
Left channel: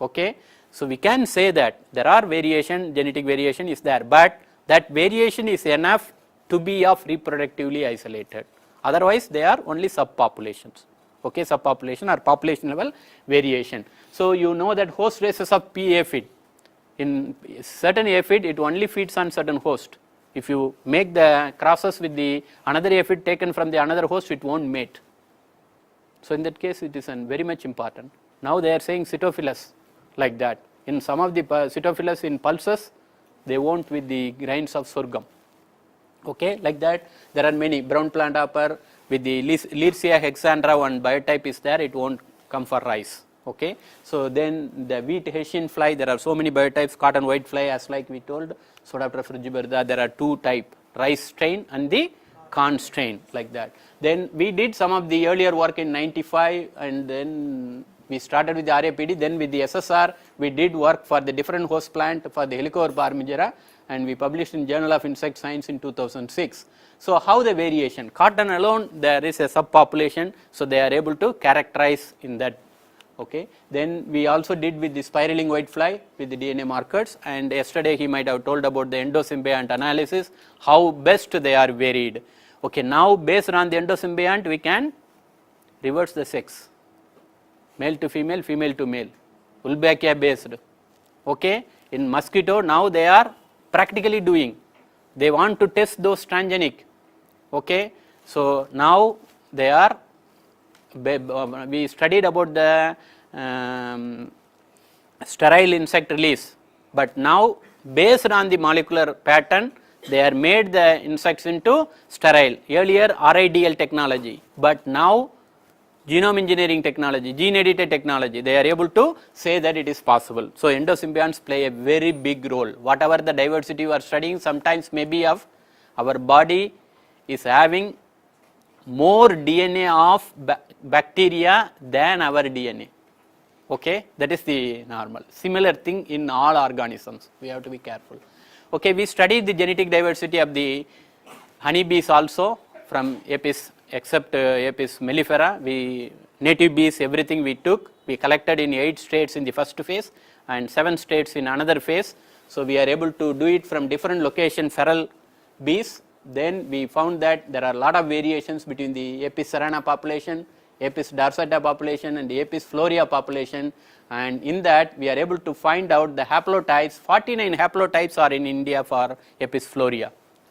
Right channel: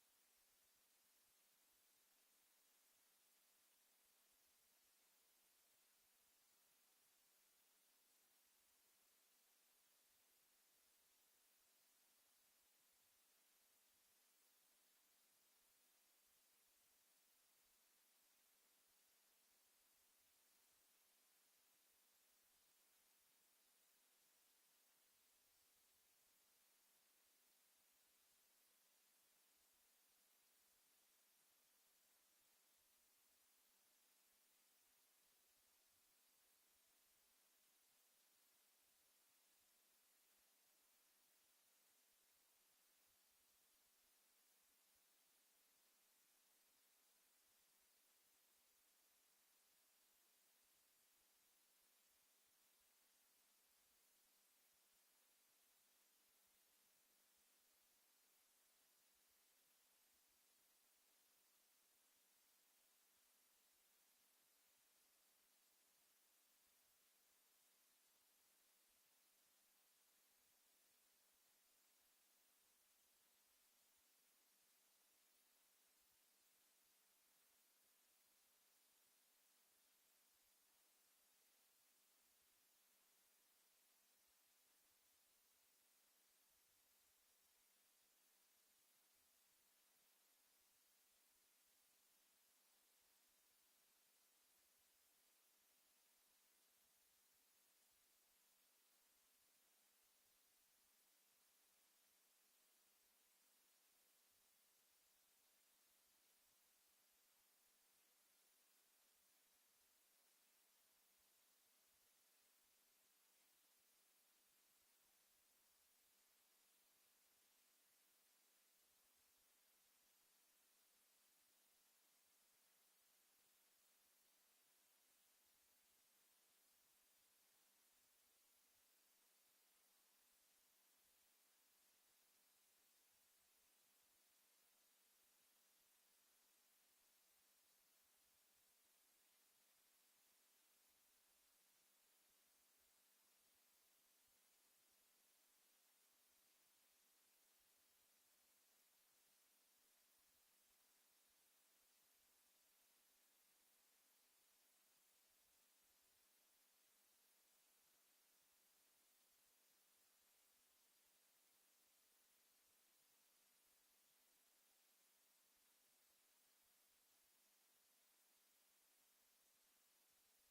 Okay. So we can say that there are variation, genetic variation is there, but that variation is enough to be of reproductively isolated. Otherwise, they are only subpopulations. Okay, subpopulation or population level variation. So you know that host races of P aphid. In certain aphid, it only feeds on certain host. If you make the crosses with the another aphid taken from the another host, it won't mate. So in that case, it is very much important. Now they are saying Cytophilus like that. In some of the Pseudophilus in pulses, they won't with the grains of sorghum. Okay, like that there are many. Brown plant hopper with the Learsia hexandra, one biotype is there, it won't come for rice. Okay, so then the wheat Hessian fly, there are so many biotypes, cotton white fly, as like we told, Pseudoptera frugiberda, there are two type, rice strain and the corn strain, like that. Then we did some of the earlier work in 95, and then we started with the RAPD, then with the SSR we did work for the different host plant for the Helicoverpa armigera, and we published in Journal of Insect Science in 2006. So how the variation, cotton alone there is a subpopulation, so they are able to characterize in that. Okay. Then we also did with the spiraling whitefly with the DNA markers, and yesterday he might have told about the endosymbiont analysis, how best they are varied. Okay, now based on the endosymbiont we can reverse the sex, male to female, female to male, Wolbachia based. Okay. In mosquito now they are practically doing, they want to test those transgenic. Okay. So now they are, we studied about the sterile insect release, but now based on the molecular pattern they are made the insects into sterile. Earlier RIDL technology, but now genome engineering technology, gene edited technology, they are able to say that it is possible. So endosymbionts play a very big role. Whatever the diversity you are studying, sometimes maybe of our body is having more DNA of bacteria than our DNA. Okay, that is the normal. Similar thing in all organisms, we have to be careful. Okay, we studied the genetic diversity of the honeybees also from Apis, except Apis mellifera. We native bees, everything we took, we collected in 8 states in the first phase and 7 states in another phase. So we are able to do it from different location feral bees. Then we found that there are a lot of variations between the Apis cerana population, Apis dorsata population and Apis florea population, and in that we are able to find out the haplotypes. 49 haplotypes are in India for Apis florea,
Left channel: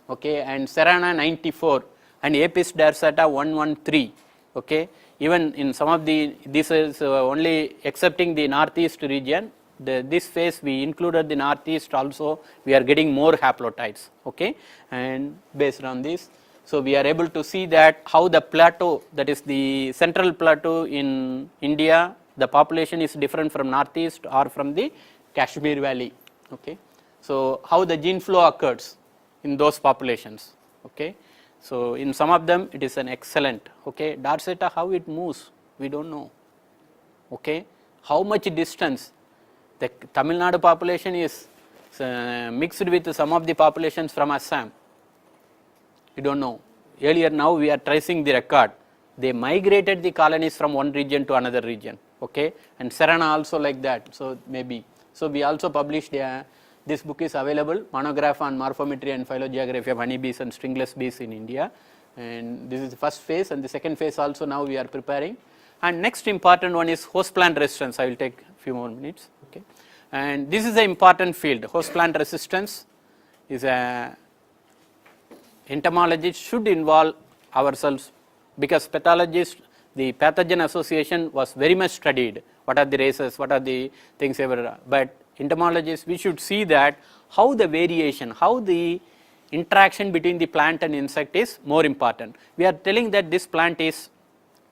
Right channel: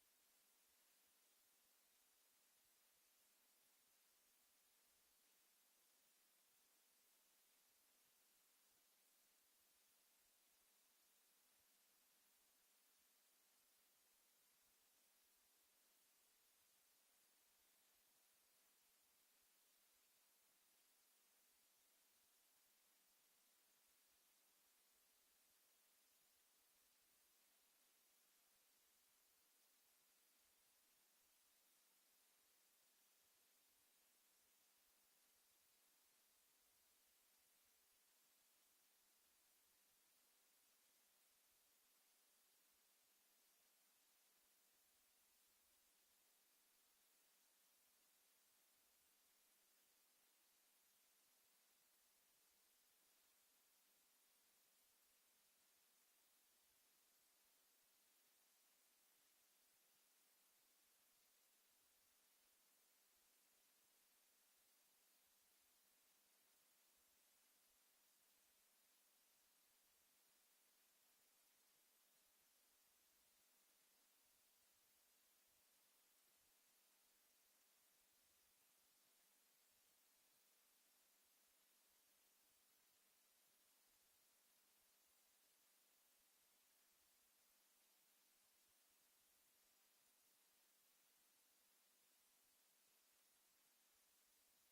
okay, and cerana 94 and Apis dorsata 113. Okay. Even in some of the, this is only accepting the northeast region, this phase we included the northeast also, we are getting more haplotypes. Okay. And based on this, so we are able to see that how the plateau, that is the central plateau in India, the population is different from northeast or from the Kashmir valley. Okay. So how the gene flow occurs in those populations. Okay. So in some of them it is an excellent. Okay. Dorsata, how it moves, we don't know. Okay. How much distance, the Tamil Nadu population is mixed with some of the populations from Assam, we don't know. Earlier, now we are tracing the record, they migrated the colonies from one region to another region. Okay. And Serana also like that, so maybe. So we also published, this book is available, monograph on morphometry and phylogeography of honeybees and stringless bees in India, and this is the first phase, and the second phase also now we are preparing. And next important one is host plant resistance. I will take a few more minutes. Okay. And this is an important field. Host plant resistance is a entomologists should involve ourselves, because pathologists, the pathogen association was very much studied. What are the races, what are the things ever, but entomologists, we should see that how the variation, how the interaction between the plant and insect is more important. We are telling that this plant is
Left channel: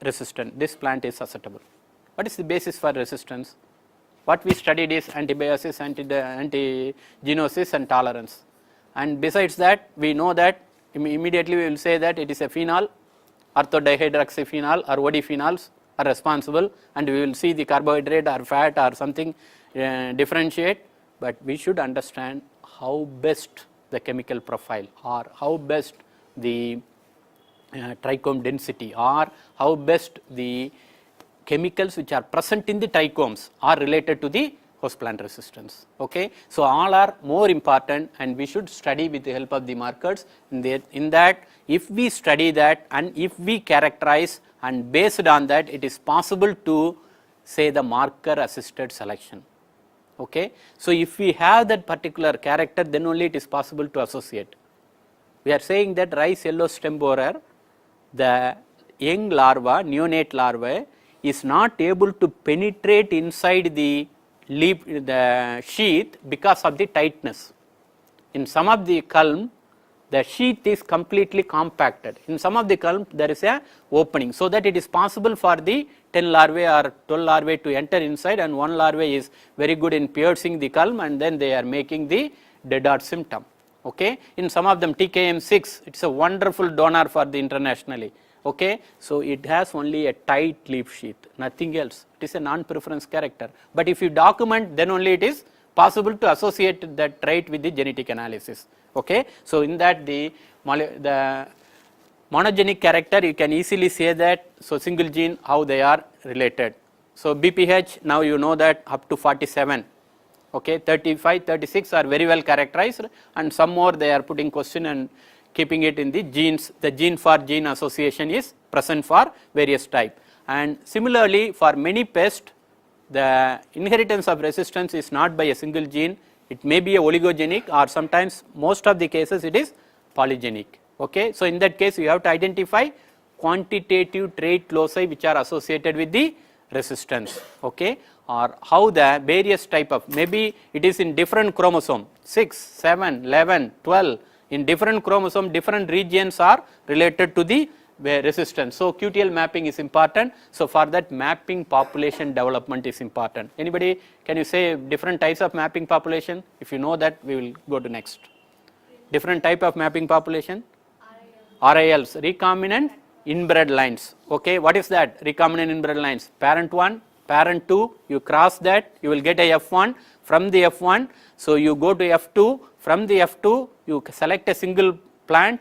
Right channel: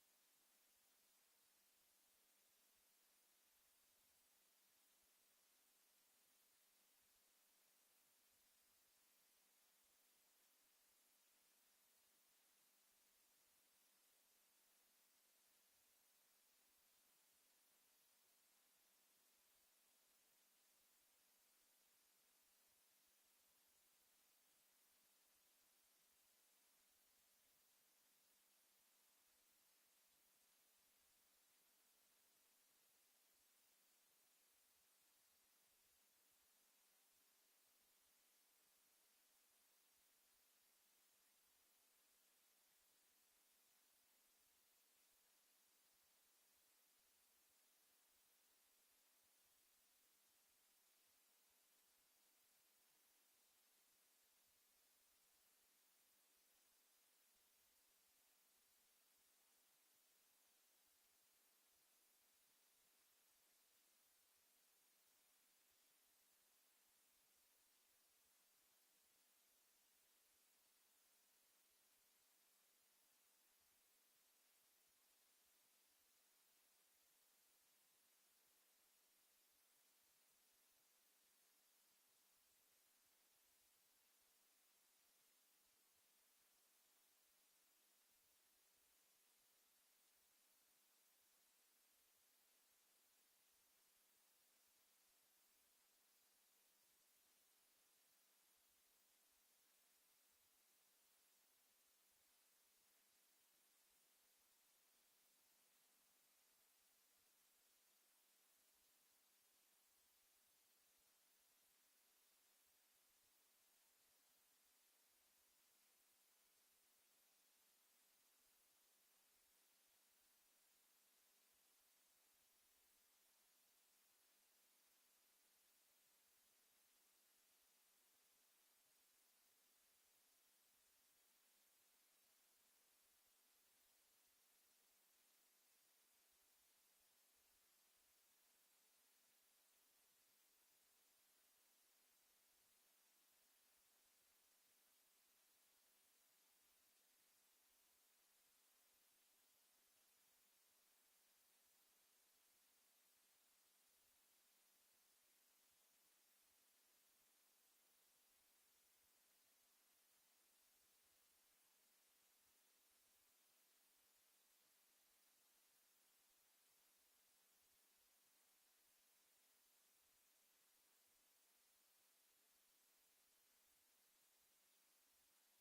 resistant, this plant is susceptible. What is the basis for resistance? What we studied is antibiosis, antigenosis and tolerance. And besides that, we know that immediately we will say that it is a phenol, orthodihydroxyphenol or OD phenols are responsible, and we will see the carbohydrate or fat or something differentiate, but we should understand how best the chemical profile or how best the trichome density or how best the chemicals which are present in the trichomes are related to the host plant resistance. Okay. So all are more important, and we should study with the help of the markers. In that, if we study that and if we characterize, and based on that it is possible to say the marker assisted selection. Okay. So if we have that particular character, then only it is possible to associate. We are saying that rice yellow stem borer, the young larva, neonate larvae is not able to penetrate inside the the sheath because of the tightness. In some of the culm, the sheath is completely compacted. In some of the culm, there is a opening, so that it is possible for the 10 larvae or 12 larvae to enter inside, and one larvae is very good in piercing the culm, and then they are making the dead rot symptom. Okay. In some of them, TKM6, it is a wonderful donor for the internationally. Okay. So it has only a tight leaf sheath, nothing else. It is a non-preference character. But if you document, then only it is possible to associate that trait with the genetic analysis. Okay. So in that the monogenic character, you can easily say that, so single gene, how they are related. So BPH, now you know that up to 47. Okay, 35, 36 are very well characterized, and some more they are putting question and keeping it in the genes. The gene for gene association is present for various type. And similarly, for many pests, the inheritance of resistance is not by a single gene. It may be a oligogenic, or sometimes most of the cases it is polygenic. Okay. So in that case, you have to identify quantitative trait loci which are associated with the resistance. Okay. Or how the various type of, maybe it is in different chromosome, 6, 7, 11, 12, in different chromosome, different regions are related to the resistance. So QTL mapping is important. So for that, mapping population development is important. Anybody, can you say different types of mapping population? If you know that, we will go to next. Different type of mapping population? RILs, recombinant inbred lines. Okay, what is that? Recombinant inbred lines. Parent 1, parent 2, you cross that, you will get a F1. From the F1, so you go to F2. From the F2, you select a single plant.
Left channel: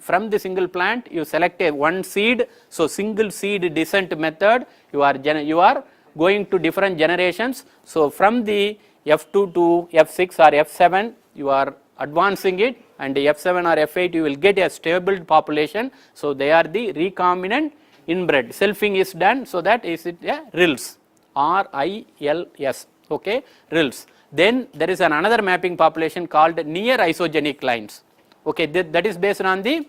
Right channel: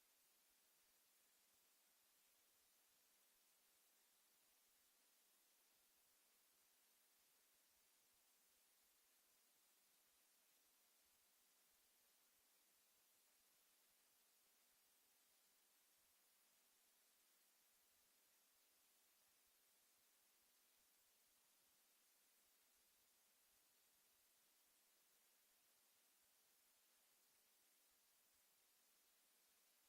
From the single plant, you select a one seed. So single seed descent method, you are going to different generations. So from the F2 to F6 or F7, you are advancing it, and F7 or F8, you will get a stable population. So they are the recombinant inbred. Selfing is done, so that is it a RILS, RILS. Okay, RILS. Then there is another mapping population called near isogenic lines. Okay, that is based on the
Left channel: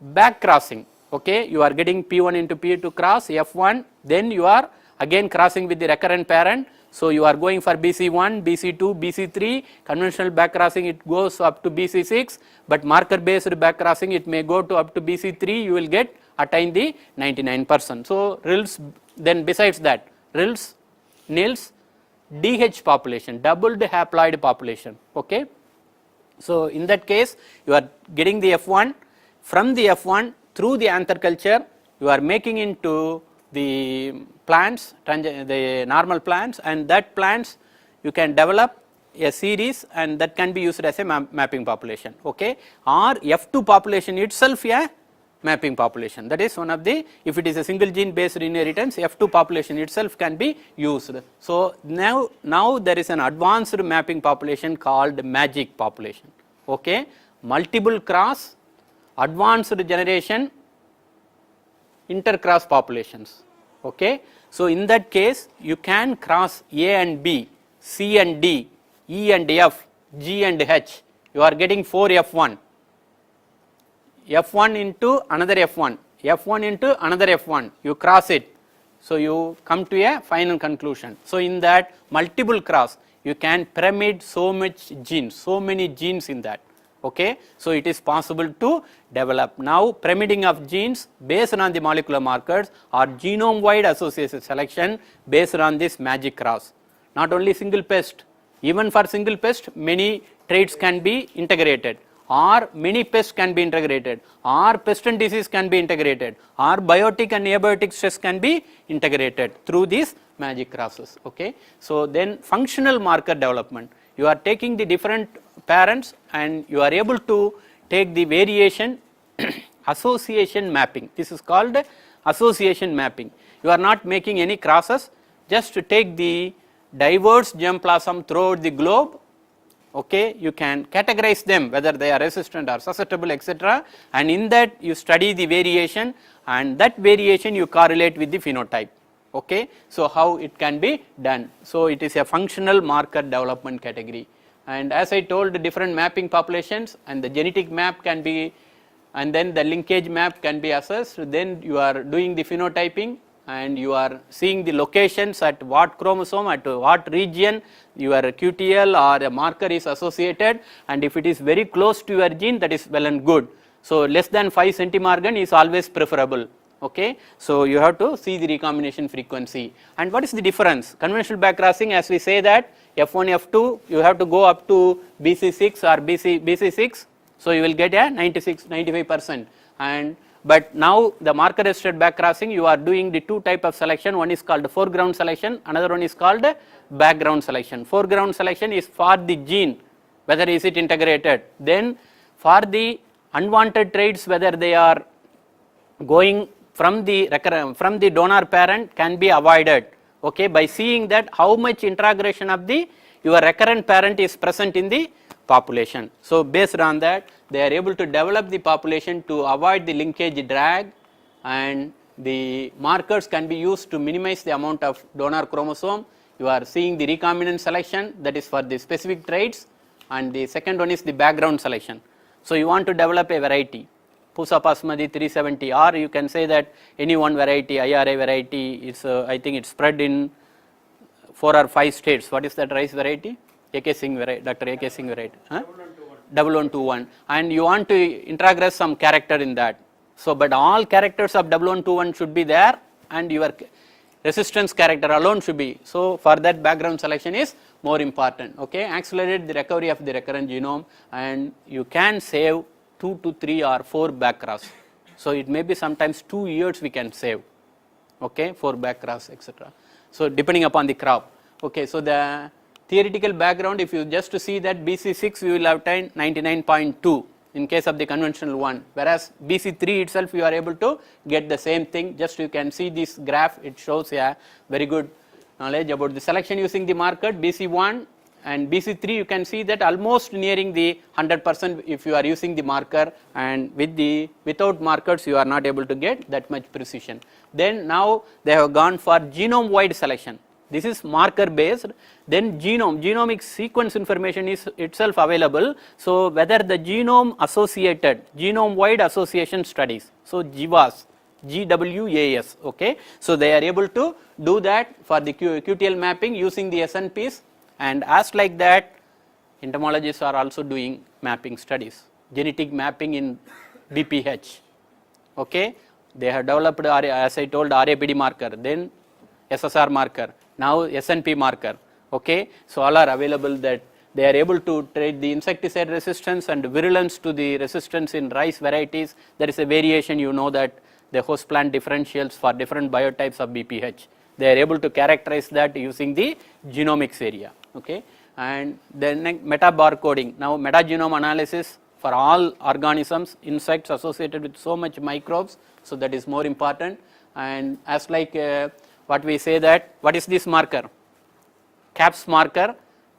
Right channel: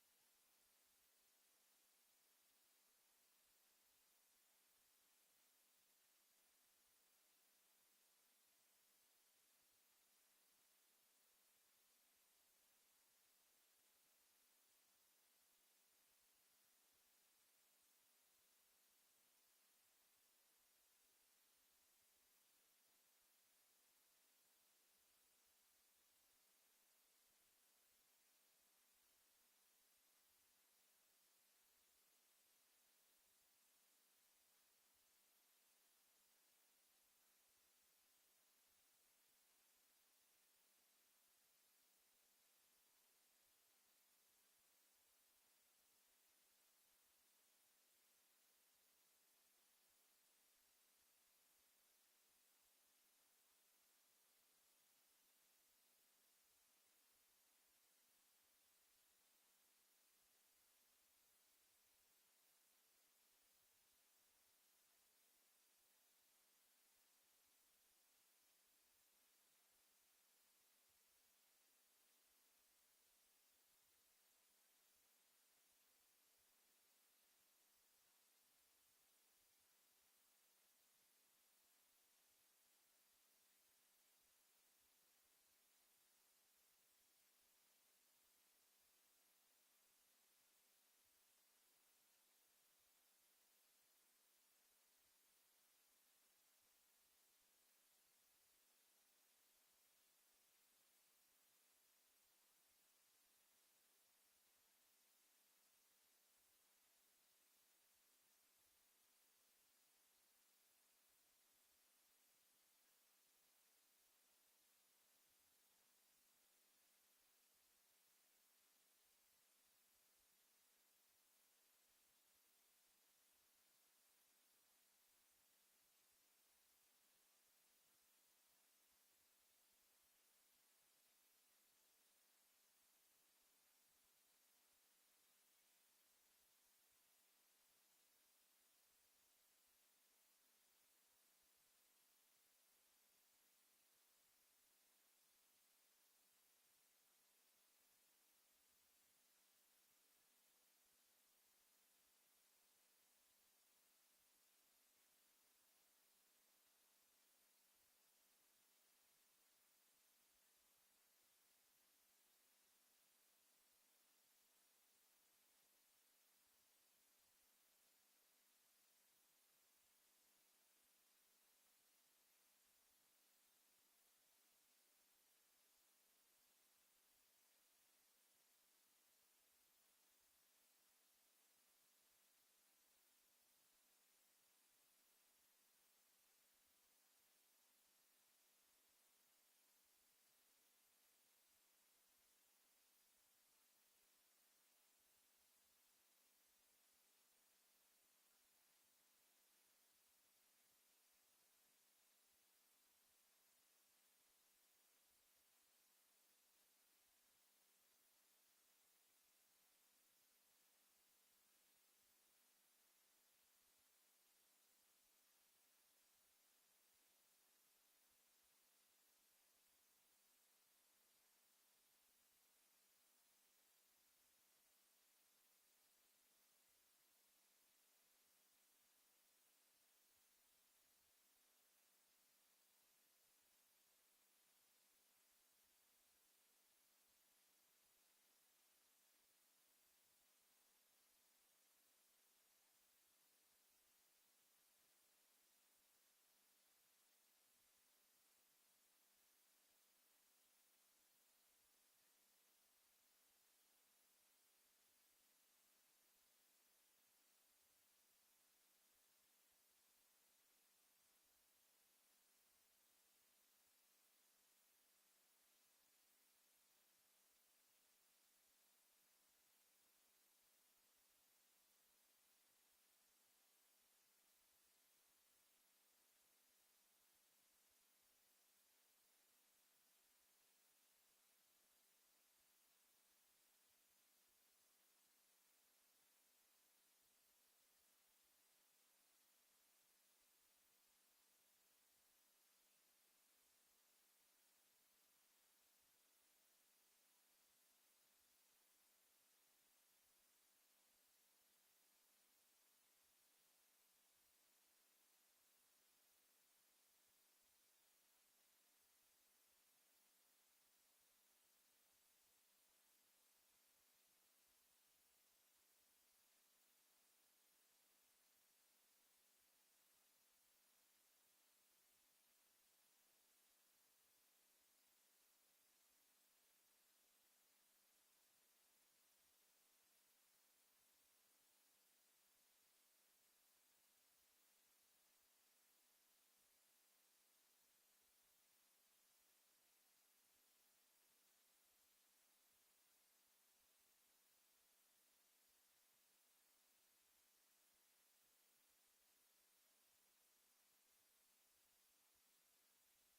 back crossing. Okay, you are getting P1 into P2 cross F1, then you are again crossing with the recurrent parent. So you are going for BC1, BC2, BC3, conventional back crossing it goes up to BC6, but marker based back crossing it may go to up to BC3, you will get attain the 99%. So RILS, then besides that, RILS, NILS, DH population, doubled haploid population. Okay. So in that case, you are getting the F1, from the F1 through the anther culture, you are making into the plants, the normal plants, and that plants you can develop a series, and that can be used as a mapping population. Okay. Or F2 population itself a mapping population. That is one of the, if it is a single gene based inheritance, F2 population itself can be used. So now there is an advanced mapping population called MAGIC population. Okay. Multiple cross, advanced generation, intercross populations. Okay. So in that case, you can cross A and B, C and D, E and F, G and H. You are getting 4 F1. F1 into another F1, F1 into another F1, you cross it. So you come to a final conclusion. So in that multiple cross, you can pyramid so much genes, so many genes in that. Okay. So it is possible to develop. Now pyramiding of genes based on the molecular markers or genome wide association selection based on this MAGIC cross. Not only single pest, even for single pest, many traits can be integrated, or many pests can be integrated, or pest and disease can be integrated, or biotic and abiotic stress can be integrated through these MAGIC crosses. Okay. So then functional marker development, you are taking the different parents and you are able to take the variation association mapping. This is called association mapping. You are not making any crosses, just to take the diverse germplasm throughout the globe. Okay, you can categorize them whether they are resistant or susceptible, etc. And in that you study the variation, and that variation you correlate with the phenotype. Okay, so how it can be done? So it is a functional marker development category. And as I told, different mapping populations, and the genetic map can be, and then the linkage map can be assessed. Then you are doing the phenotyping, and you are seeing the locations at what chromosome, at what region your QTL or a marker is associated, and if it is very close to your gene, that is well and good. So less than 5 centimorgan is always preferable. Okay, so you have to see the recombination frequency. And what is the difference? Conventional backcrossing, as we say that F1, F2, you have to go up to BC6 or BC6, so you will get a 95%. And but now the marker assisted backcrossing, you are doing the two type of selection. One is called foreground selection, another one is called background selection. Foreground selection is for the gene, whether is it integrated. Then for the unwanted traits, whether they are going from the donor parent, can be avoided, okay, by seeing that how much introgression of the your recurrent parent is present in the population. So based on that, they are able to develop the population to avoid the linkage drag, and the markers can be used to minimize the amount of donor chromosome. You are seeing the recombinant selection, that is for the specific traits, and the second one is the background selection. So you want to develop a variety, Pusa basmati 370, or you can say that any one variety, IRA variety, is I think it's spread in 4 or 5 states. What is that rice variety? AK Singh variety, Dr. AK Singh variety. Huh? 1121, and you want to introgress some character in that. So, but all characters of 1121 should be there, and your resistance character alone should be. So, for that background selection is more important. Okay, accelerate the recovery of the recurrent genome, and you can save 2 to 3 or 4 backcross. So it may be sometimes 2 years we can save, okay, 4 backcross, etc. So depending upon the crop. Okay, so the theoretical background, if you just see that BC6 you will obtain 99.2 in case of the conventional one, whereas BC3 itself you are able to get the same thing. Just you can see this graph, it shows a very good knowledge about the selection using the marker. BC1 and BC3 you can see that almost nearing the 100% if you are using the marker, and without markers you are not able to get that much precision. Then now they have gone for genome wide selection. This is marker based. Then genomic sequence information is itself available. So whether the genome associated, genome wide association studies, so GWAS, GWAS, okay. So they are able to do that for the QTL mapping using the SNPs, and as like that entomologists are also doing mapping studies, genetic mapping in BPH, okay. They have developed, as I told, RAPD marker, then SSR marker, now SNP marker, okay. So all are available, that they are able to trade the insecticide resistance and virulence to the resistance in rice varieties. There is a variation, you know, that the host plant differentials for different biotypes of BPH. They are able to characterize that using the genomics area, okay. And then meta barcoding, now metagenome analysis for all organisms, insects associated with so much microbes, so that is more important. And as like what we say that, what is this marker? CAPS marker,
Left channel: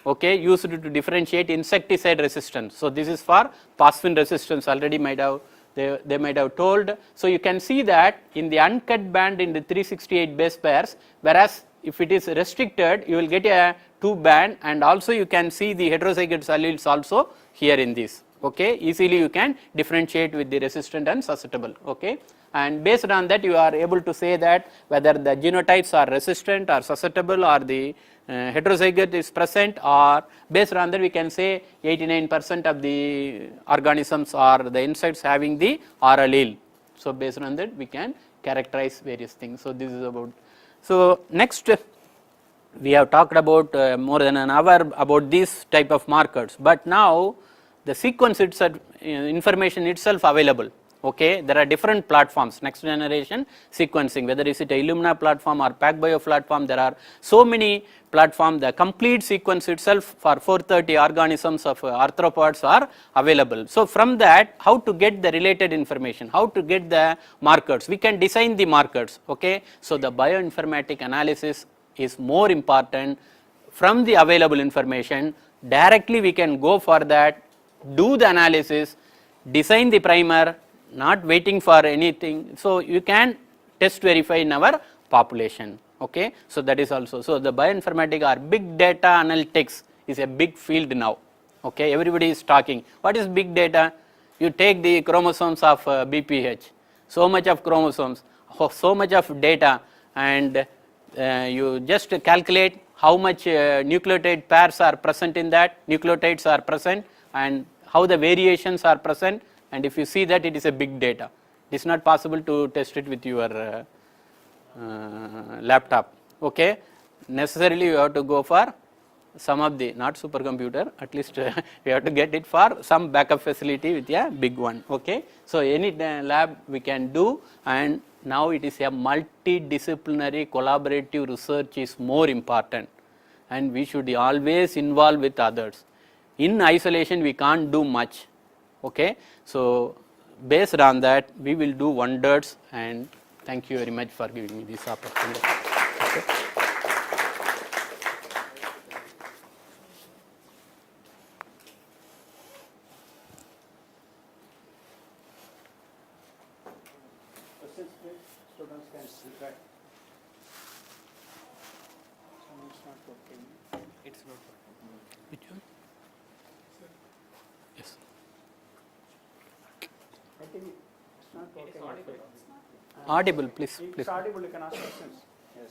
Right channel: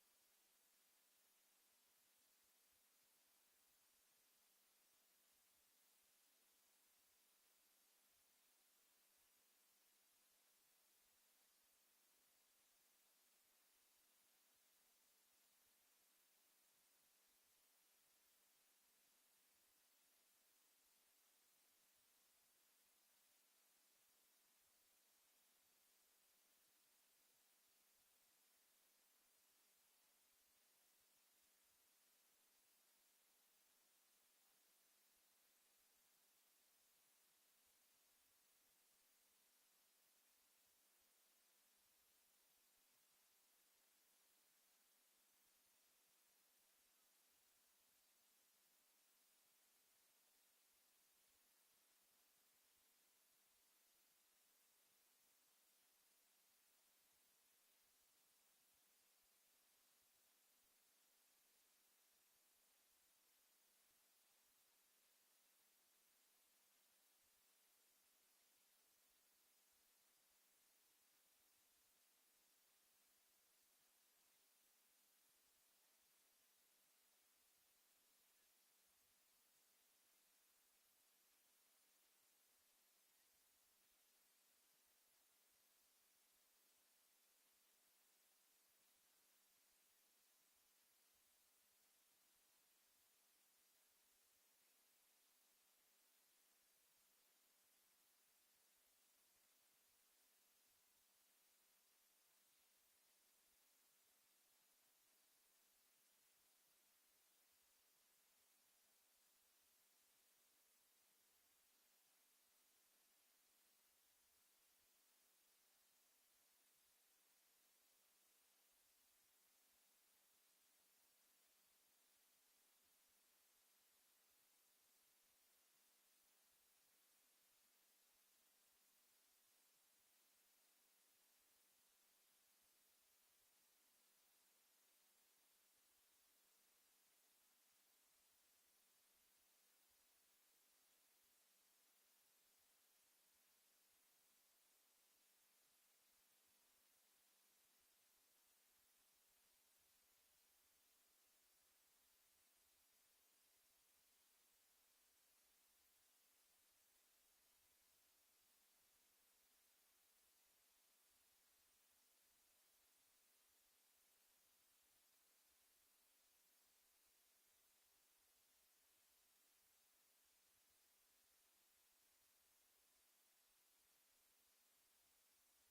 okay, used to differentiate insecticide resistance. So this is for phosphine resistance, already might have they might have told. So you can see that in the uncut band in the 368 base pairs, whereas if it is restricted you will get a 2 band, and also you can see the heterozygous alleles also here in this, okay. Easily you can differentiate with the resistant and susceptible, okay. And based on that you are able to say that whether the genotypes are resistant or susceptible, or the heterozygote is present, or based on that we can say 89% of the organisms or the insects having the R allele. So based on that we can characterize various things. So this is about. So next we have talked about more than an hour about this type of markers, but now the sequence itself, information itself available. Okay, there are different platforms, next generation sequencing, whether is it a Illumina platform or PacBio platform, there are so many platforms. The complete sequence itself for 430 organisms of arthropods are available. So from that, how to get the related information, how to get the markers, we can design the markers, okay. So the bioinformatic analysis is more important. From the available information, directly we can go for that, do the analysis, design the primer, not waiting for anything. So you can test verify in our population, okay. So that is also, so the bioinformatics or big data analytics is a big field now, okay. Everybody is talking, what is big data? You take the chromosomes of BPH, so much of chromosomes, so much of data, and you just calculate how much nucleotide pairs are present in that, nucleotides are present, and how the variations are present, and if you see that, it is a big data. It is not possible to test it with your laptop. Okay, necessarily you have to go for some of the, not supercomputer, at least we have to get it for some backup facility with a big one. Okay, so any lab we can do, and now it is a multidisciplinary collaborative research is more important, and we should always involve with others. In isolation we can't do much. Okay, so based on that we will do wonders, and thank you very much for giving me this opportunity. Okay. Students can interact. It's not working. It's not working. Which one? Yes. I think it's not working. Audible, please. It's Please. audible, you can ask questions. Yes.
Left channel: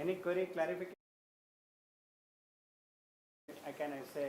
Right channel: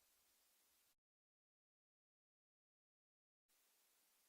Any query, clarification? I can say